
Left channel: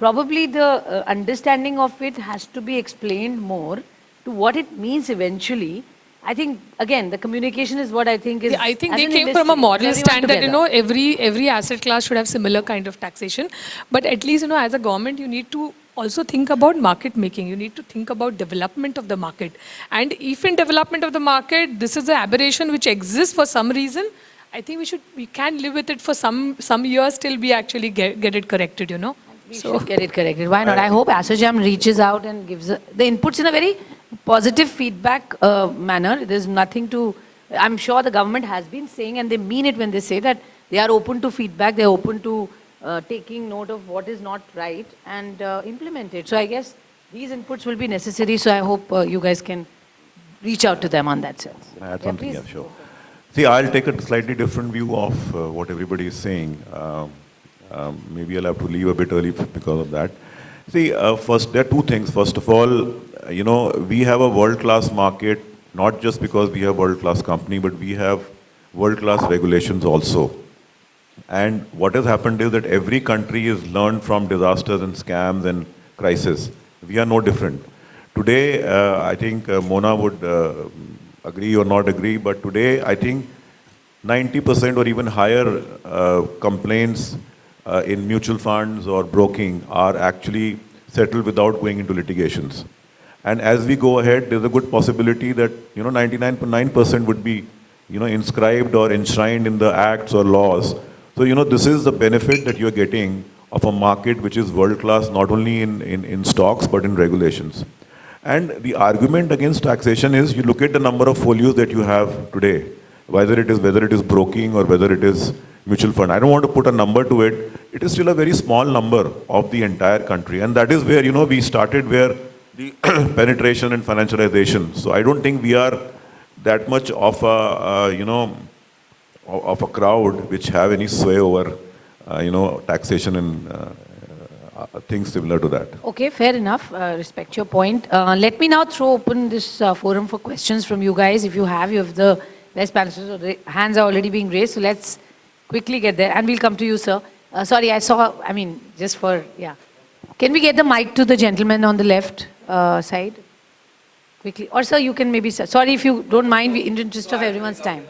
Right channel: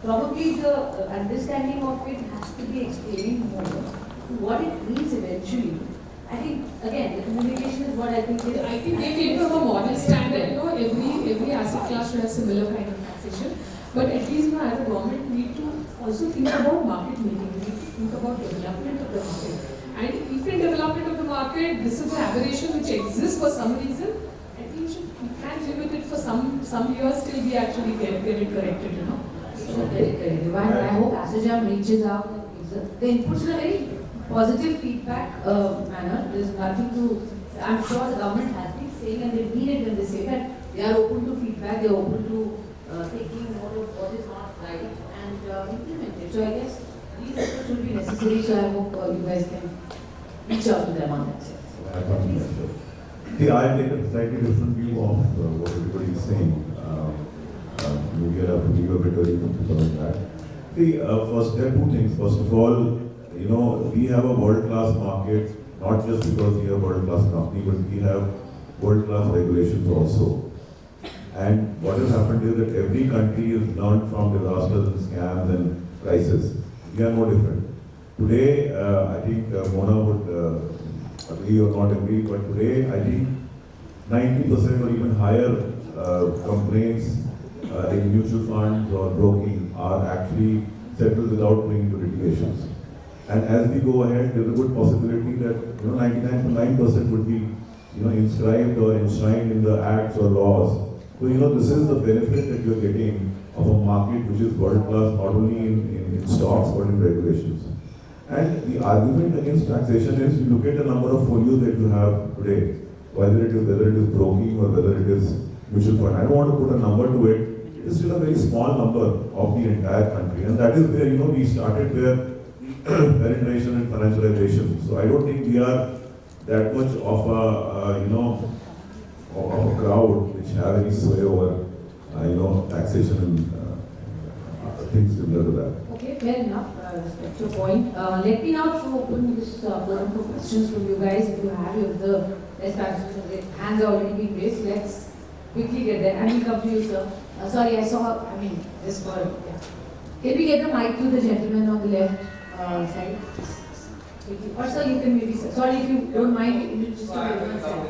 probably the understanding of it has to be explained more to what it means eventually. I think, again, the communication is what I think is... I think they came from a moral stand that, every asset class should have similar kind of taxation. But at least, as a government, you need to also think about market making. You need to think about development of the market. And if in development of the market, this is an aberration which exists for some reason, I think we can live with it for some years till we actually get it corrected, So get it corrected. Why not? I hope ASSOCHAM reaches out and gives the inputs in a very positive feedback manner. There's nothing to... I'm sure the government has been saying, and they mean it when they say that they are open to feedback, they're open to taking note of what is not right and implement it. So I guess these inputs will be necessary, so I hope you guys can reach out to them on that, sir. Yeah, sure. See, I'll take a slightly different view of what everybody is saying. Maybe I'll have to leave a bit early because of that. See, first, there are two things. First of all, we have a world-class market, not just because we have world-class company, but we have world-class regulations also. And what has happened is that every country has learned from disasters and scams and crises. We are no different. Today, I think Mona would agree or not agree, but today I think 90% or even higher complaints in mutual funds or broking are actually settled without going into litigations. And as we go ahead, there's a good possibility that 99.9% would be inscribed or enshrined in the acts or laws. So this is the benefit that you're getting of a market which is world class, not only in stocks but in regulations. And the argument against taxation is you look at the number of folios that you have today, whether it is broking or whether it is mutual fund. I don't want to put a number to it. It is still a very small number of the entire country, and that is where we started, where the penetration and financialization. So I don't think we are that much of a of a crowd which have any sway over taxation and things similar to that. Okay, fair enough. Respect your point. Let me now throw open this forum for questions from you guys. If you have the best practices, hands are already being raised, so let's quickly get there. And we'll come to you, sir. Sorry, just for, yeah. Can we get the mic to the gentleman on the left side? Quickly. Or sir, you can maybe, sorry if you don't mind, in the interest of everyone's time.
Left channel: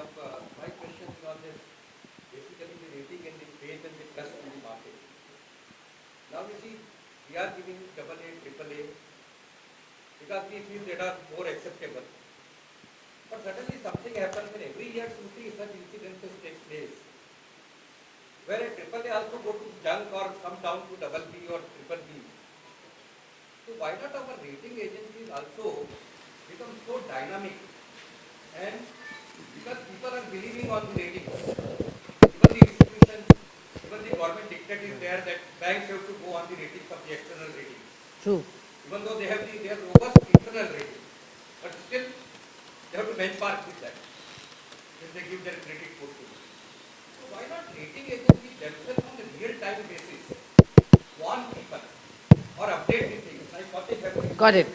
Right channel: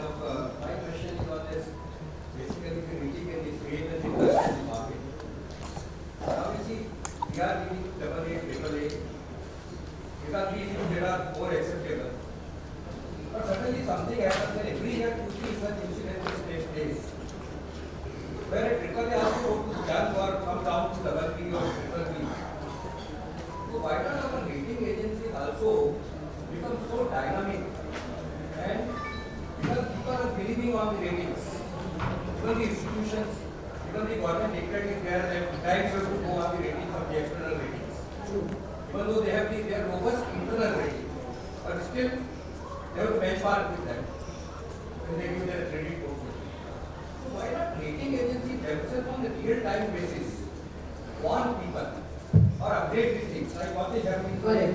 Got it.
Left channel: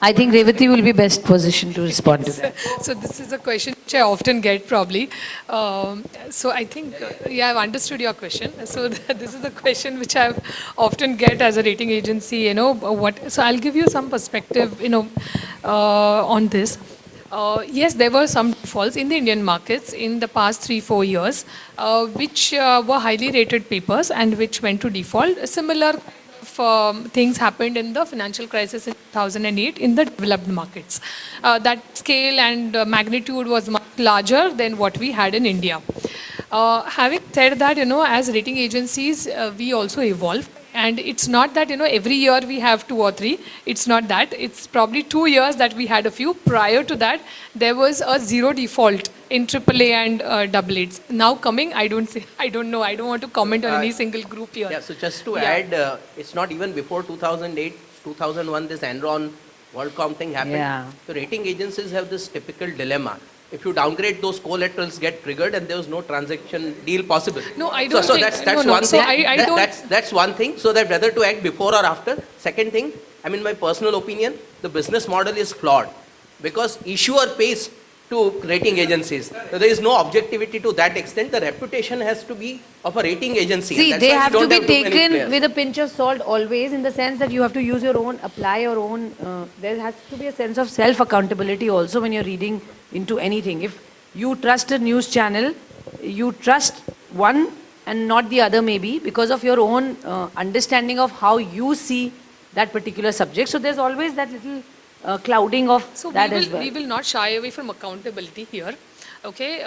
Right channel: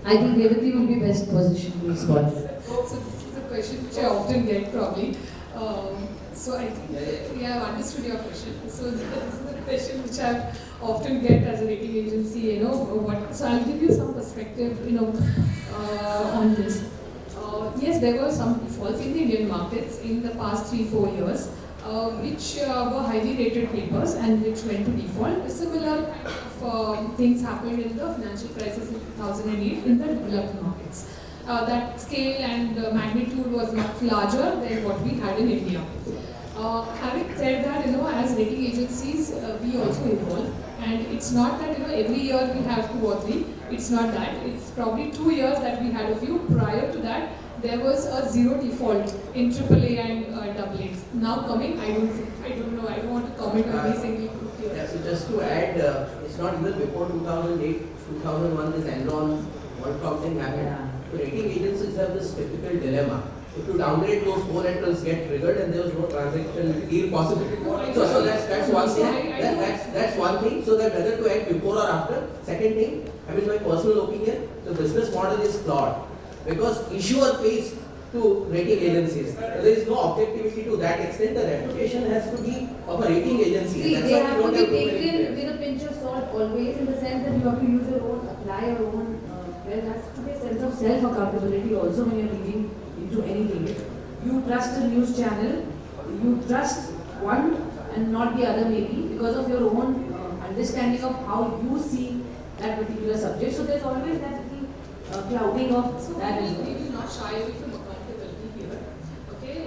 I think Revati will be best positioned to respond to that. So this is a question which I often get probably. So I think, I've understood your question. So this is a question which I often get as a rating agency, so I'll give you some perspective, on this. Yes, there were some falls in the Indian markets in the past 3-4 years, which were highly rated papers and which went to default. Similar things happened in the financial crisis in 2008 in the developed markets. That scale and magnitude was much larger than what we had in India. Having said that, as rating agencies, we also evolve, And it's not that, every year we have 2 or 3. It's not that. It's probably 2 years that we had a few. Prior to that, there was a zero default in AAA and AA. Now coming, I don't know. I don't want to comment on any single group here. Yeah, so just to add, it's not even before 2008, 2001, this Enron WorldCom thing happened. Yeah. So rating agencies have this typical dilemma. If you downgrade, those collaterals get triggered and there was no transaction deal possible. No, I don't so think. that's No, one so thing. I don't. That's one thing. So that whether to act before or after. Second thing, my personal opinion, the business model is flawed because issuer pays to rating agencies. There is no objectivity to that extent. The reputation has to be of a rating agency. See, That's they why we have to don't be too many taken players. with a pinch of salt always, in the sense that you have to use your own, apply your own. There has to be a sense of self-accountability also when you're reading into anything. If you trust a news channel, you trust one and not the other maybe because of your own understanding of how you see that particular subject. So there's always that little clouding of So that as well. we will not shy away from accountability here. Okay,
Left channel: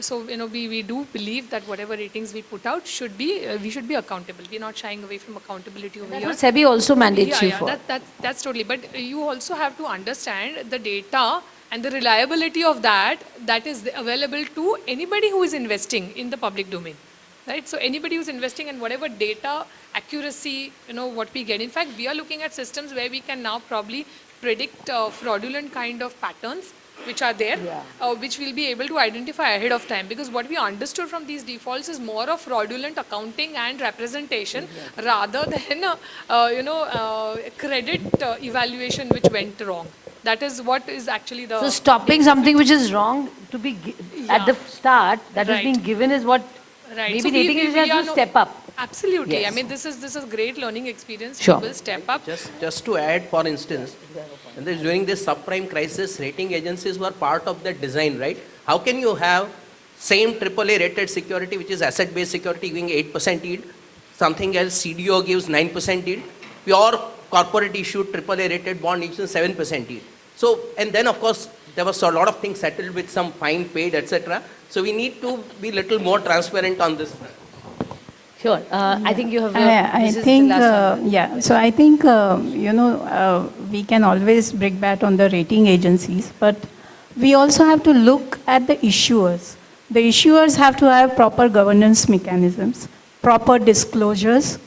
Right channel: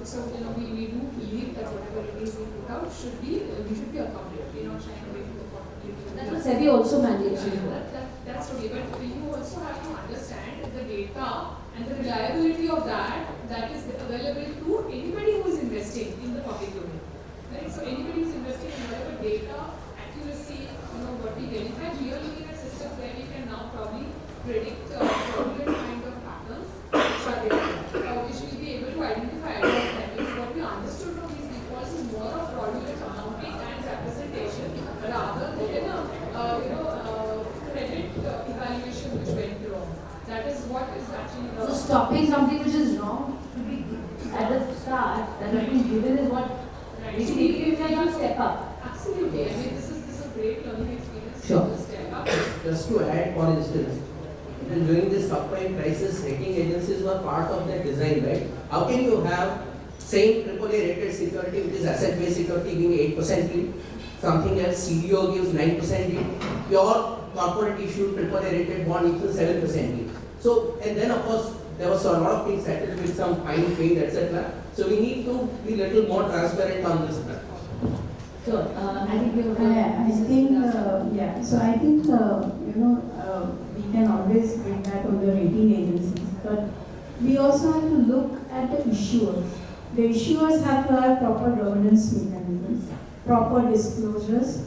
so we do believe that whatever ratings we put out should be we should be accountable. We're not shying away from accountability over That's here. what SEBI also mandates you for. That's totally. But you also have to understand the data and the reliability of that is available to anybody who is investing in the public domain. Right? So anybody who's investing in whatever data, accuracy, what we get. In fact, we are looking at systems where we can now probably predict fraudulent kind of patterns which are there, which we'll be able to identify ahead of time. Because what we understood from these defaults is more of fraudulent accounting and representation rather than, credit evaluation which went wrong. That is what is actually the... So stopping something which is wrong to be at the start, that is being given is what maybe So rating agencies have to step up. Absolutely. Yes. This is great learning experience. Sure. People step up. Just to add, for instance, during this subprime crisis, rating agencies were part of the design, right? How can you have same AAA rated security, which is asset-based security, giving 8% yield, something else CDO gives 9% yield, pure corporate issued AAA rated bond gives 7% yield. So, and then of course, there was a lot of things settled with some fine paid, etc. So we need to be little more transparent on this. Sure. I think you have. I this is think, the last one. yeah. So I think, we can always bring back on the rating agencies, but we also have to look at the issuers. The issuers have to have proper governance mechanisms, proper disclosures,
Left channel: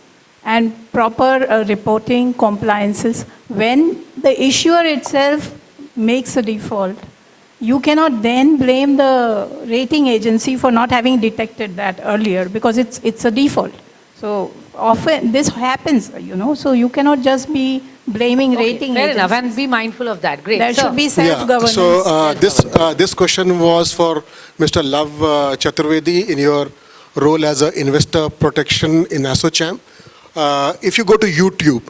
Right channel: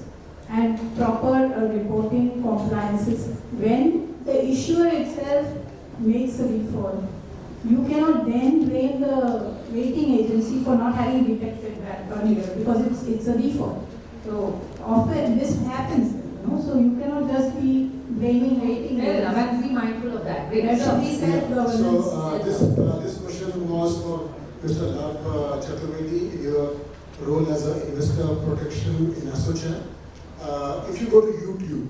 and proper reporting compliances. When the issuer itself makes a default, you cannot then blame the rating agency for not having detected that earlier because it's a default. So often this happens, so you cannot just be blaming rating Fair agencies. enough, and be mindful of that. Great. There So, should be self-governance. So this question was for Mr. Love Chaturvedi in your role as an investor protection in ASSOCHAM. If you go to YouTube,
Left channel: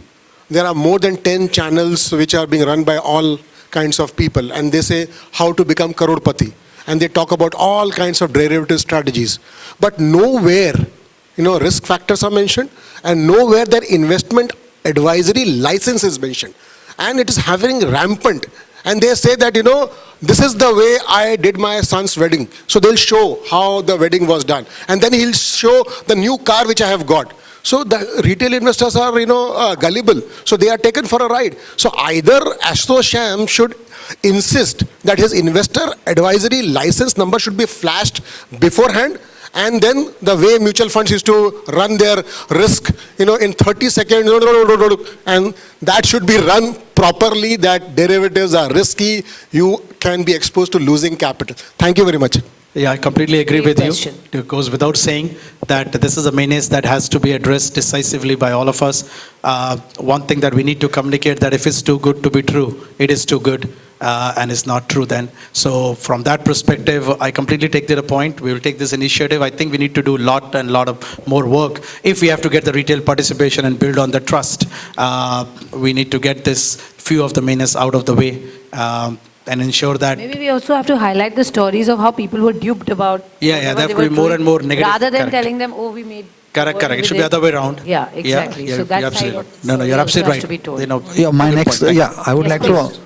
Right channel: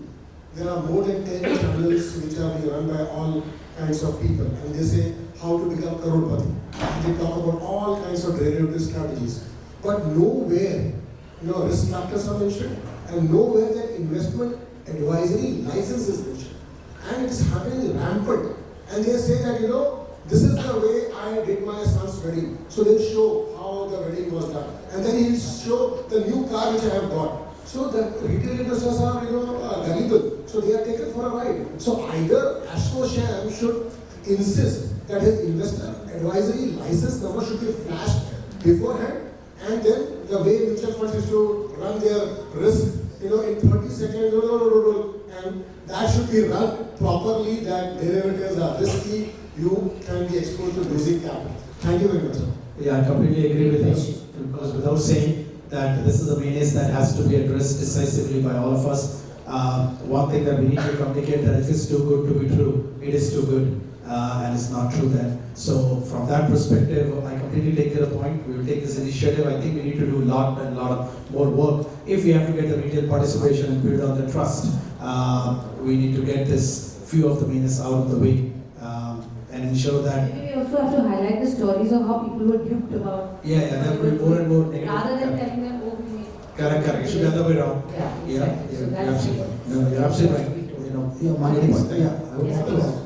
there are more than 10 channels which are being run by all kinds of people, and they say how to become crorepati, and they talk about all kinds of derivative strategies, but nowhere risk factors are mentioned, and nowhere that investment advisory license is mentioned, and it is having rampant. And they say that this is the way I did my son's wedding, so they'll show how the wedding was done, and then he'll show the new car which I have got. So the retail investors are, gullible. So they are taken for a ride. So either ASSOCHAM should insist that his investor advisory license number should be flashed beforehand, and then the way mutual funds used to run their risk, in 30 seconds, and that should be run properly, that derivatives are risky, you can be exposed to losing capital. Thank you very much. Yeah, I completely agree Great with question. you. It goes without saying that this is a menace that has to be addressed decisively by all of us. One thing that we need to communicate, that if it's too good to be true, it is too good, and it's not true then. So from that perspective, I completely take the point. We will take this initiative. I think we need to do a lot of more work. If we have to get the retail participation and build on the trust, we need to get this few of the menace out of the way. And ensure that... maybe we also have to highlight the stories of how people were duped about. Yeah, what there they will be were more doing, and more negative. rather than Correct. telling them, oh, we made. Correct. It should be the other way around. Yeah, exactly. Yeah, So you're that's absolutely. how No, you're absolutely has to be right. told. Yeah, my good next, point. I would Yes, like please.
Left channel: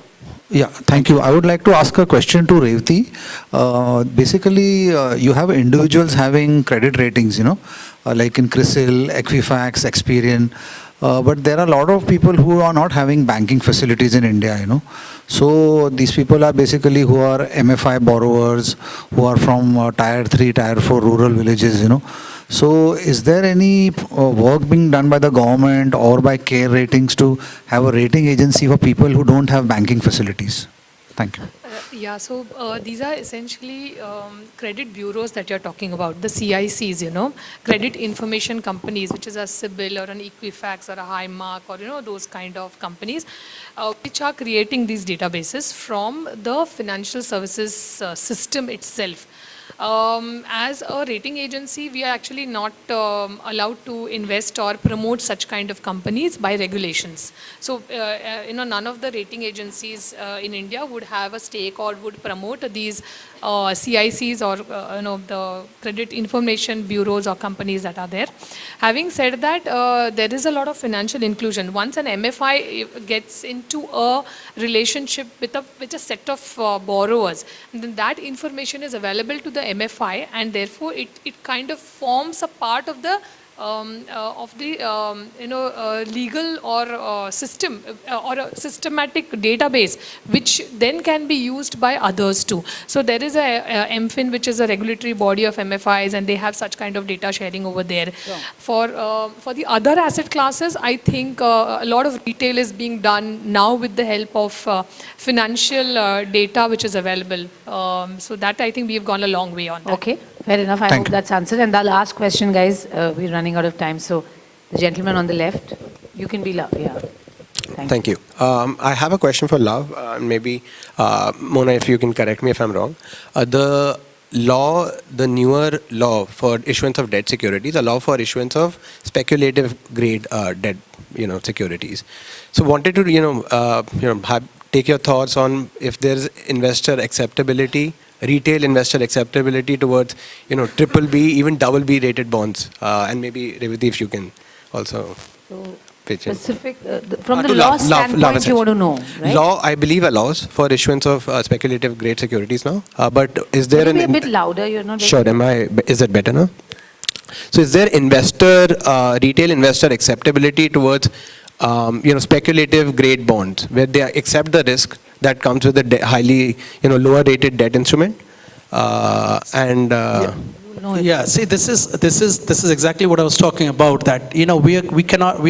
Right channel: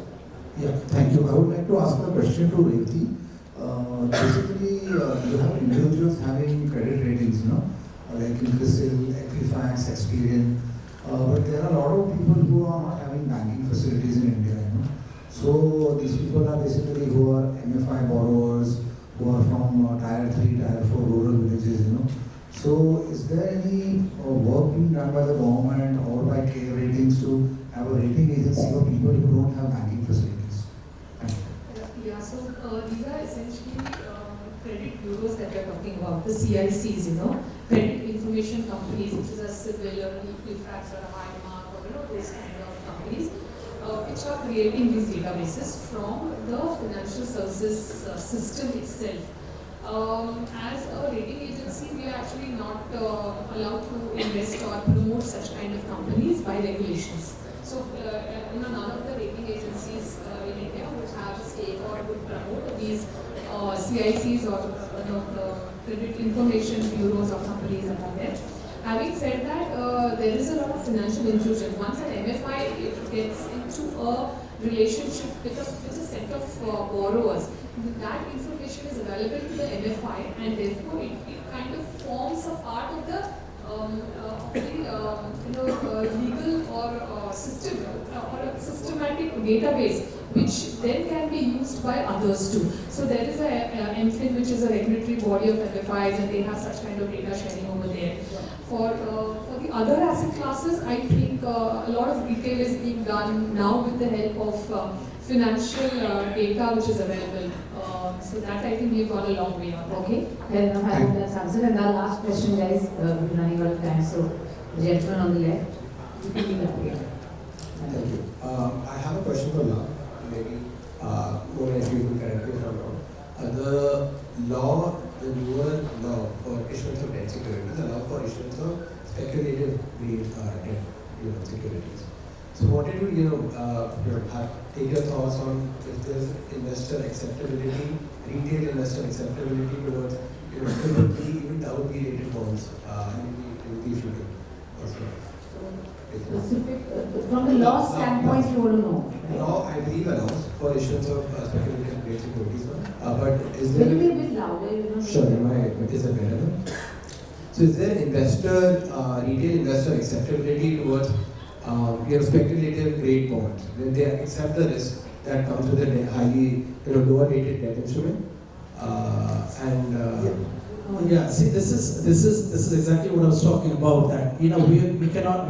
to, Yeah, thank you. I would like to ask a question to Revati. Basically, you have individuals having credit ratings, like in CRISIL, Equifax, Experian, but there are a lot of people who are not having banking facilities in India. So these people are basically who are MFI borrowers, who are from tier 3, tier 4 rural villages. So is there any work being done by the government or by CARE Ratings to have a rating agency for people who don't have banking facilities? Thank you. Yeah, so these are essentially credit bureaus that you're talking about, the CICs, credit information companies, which is a CIBIL or an Equifax or a Highmark or, those kind of companies, which are creating these databases from the financial services system itself. As a rating agency, we are actually not allowed to invest or promote such kind of companies by regulations. So, none of the rating agencies in India would have a stake or would promote these CICs or the credit information bureaus or companies that are there. Having said that, there is a lot of financial inclusion. Once an MFI gets into a relationship with a set of borrowers, then that information is available to the MFI, and therefore it kind of forms a part of the legal or system or a systematic database, which then can be used by others too. So there is a MFIN, which is a regulatory body of MFIs, and they have such kind of data sharing over there. Yeah. For the other asset classes, I think a lot of retail is being done now with the help of financial data which is available. So that I think we've gone a long way on that. Okay, fair enough. I hope that's answered. And the last question, guys, we're running out of time. So the gentleman on the left, you can be Love. Yeah. Thank you. I have a question for Love. Maybe Mona, if you can correct me if I'm wrong. The newer law for issuance of debt securities, a law for issuance of speculative grade debt, securities. So wanted to take your thoughts on if there's investor acceptability, retail investor acceptability towards triple B, even double B rated bonds, and maybe Revati, if you can also pitch in. Specific from the law standpoint, you want to know, right? Law, I believe, allows for issuance of speculative grade securities now. But is there Can you be a bit louder? You're not. Sure. Is it better now? So is there retail investor acceptability towards speculative grade bonds, where they accept the risk that comes with the highly, lower rated debt instrument, Yeah, see, this is exactly what I was talking about. That we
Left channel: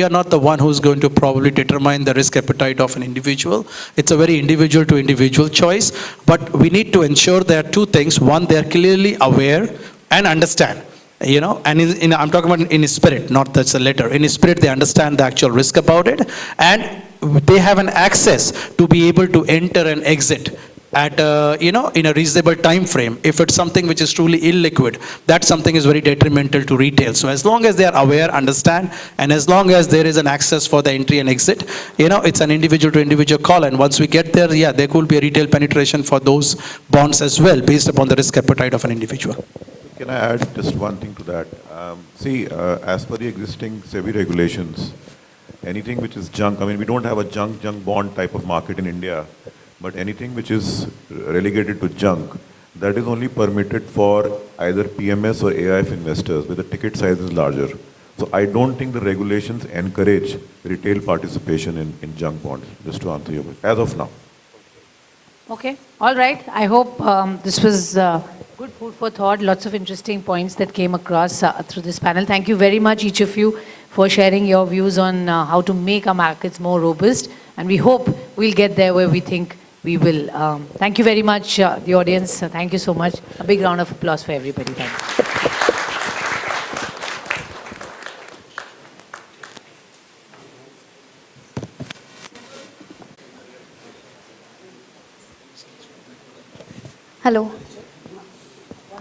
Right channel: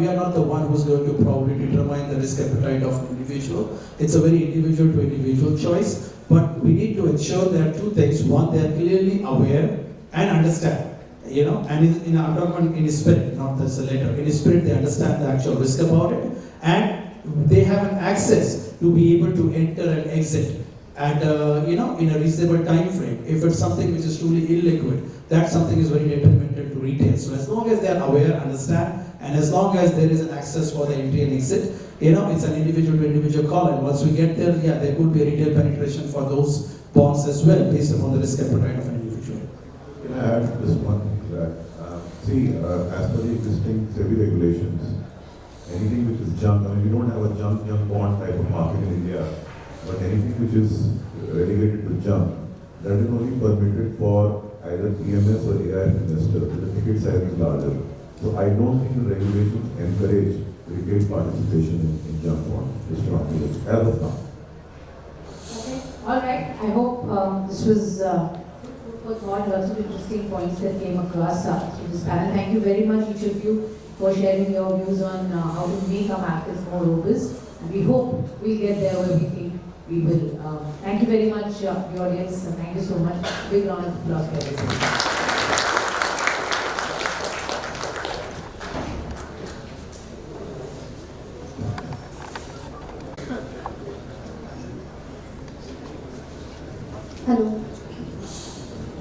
are not the one who's going to probably determine the risk appetite of an individual. It's a very individual to individual choice. But we need to ensure there are two things. One, they are clearly aware and understand. And I'm talking about in spirit, not that's a letter. In spirit, they understand the actual risk about it, and they have an access to be able to enter and exit at in a reasonable time frame. If it's something which is truly illiquid, that something is very detrimental to retail. So as long as they are aware, understand, and as long as there is an access for the entry and exit, it's an individual to individual call. And once we get there, there could be a retail penetration for those bonds as well, based upon the risk appetite of an individual. Can I add just one thing to that? As per the existing SEBI regulations, anything which is junk, we don't have a junk bond type of market in India, but anything which is relegated to junk, that is only permitted for either PMS or AIF investors, where the ticket size is larger. So I don't think the regulations encourage retail participation in junk bonds, just to answer you, as of now. Okay, all right. I hope this was good food for thought. Lots of interesting points that came across through this panel. Thank you very much, each of you, for sharing your views on how to make our markets more robust. And we hope we'll get there where we think we will. Thank you very much, the audience. Thank you so much. A big round of applause for everybody. Hello.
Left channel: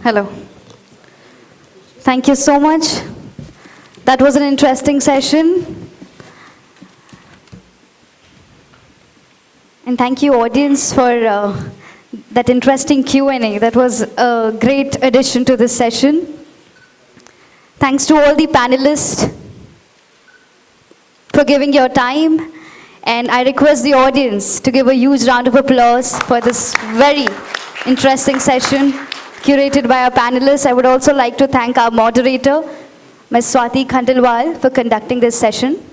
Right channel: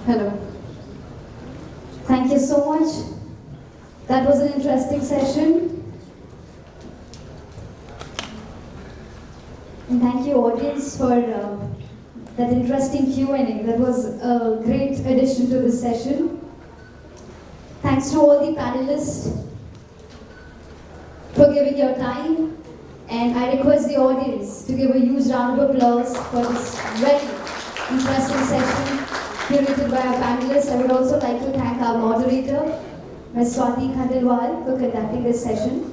Hello. Thank you so much. That was an interesting session. And thank you, audience, for that interesting Q&A. That was a great addition to this session. Thanks to all the panelists for giving your time. And I request the audience to give a huge round of applause for this very interesting session curated by our panelists. I would also like to thank our moderator, Ms. Swati Khandalwal, for conducting this session.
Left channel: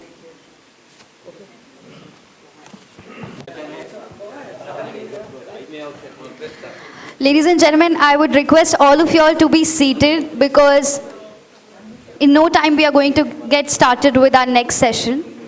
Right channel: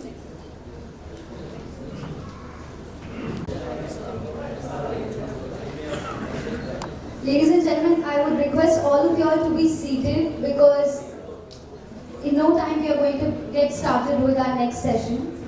Ladies and gentlemen, I would request all of you all to be seated because in no time we are going to get started with our next session.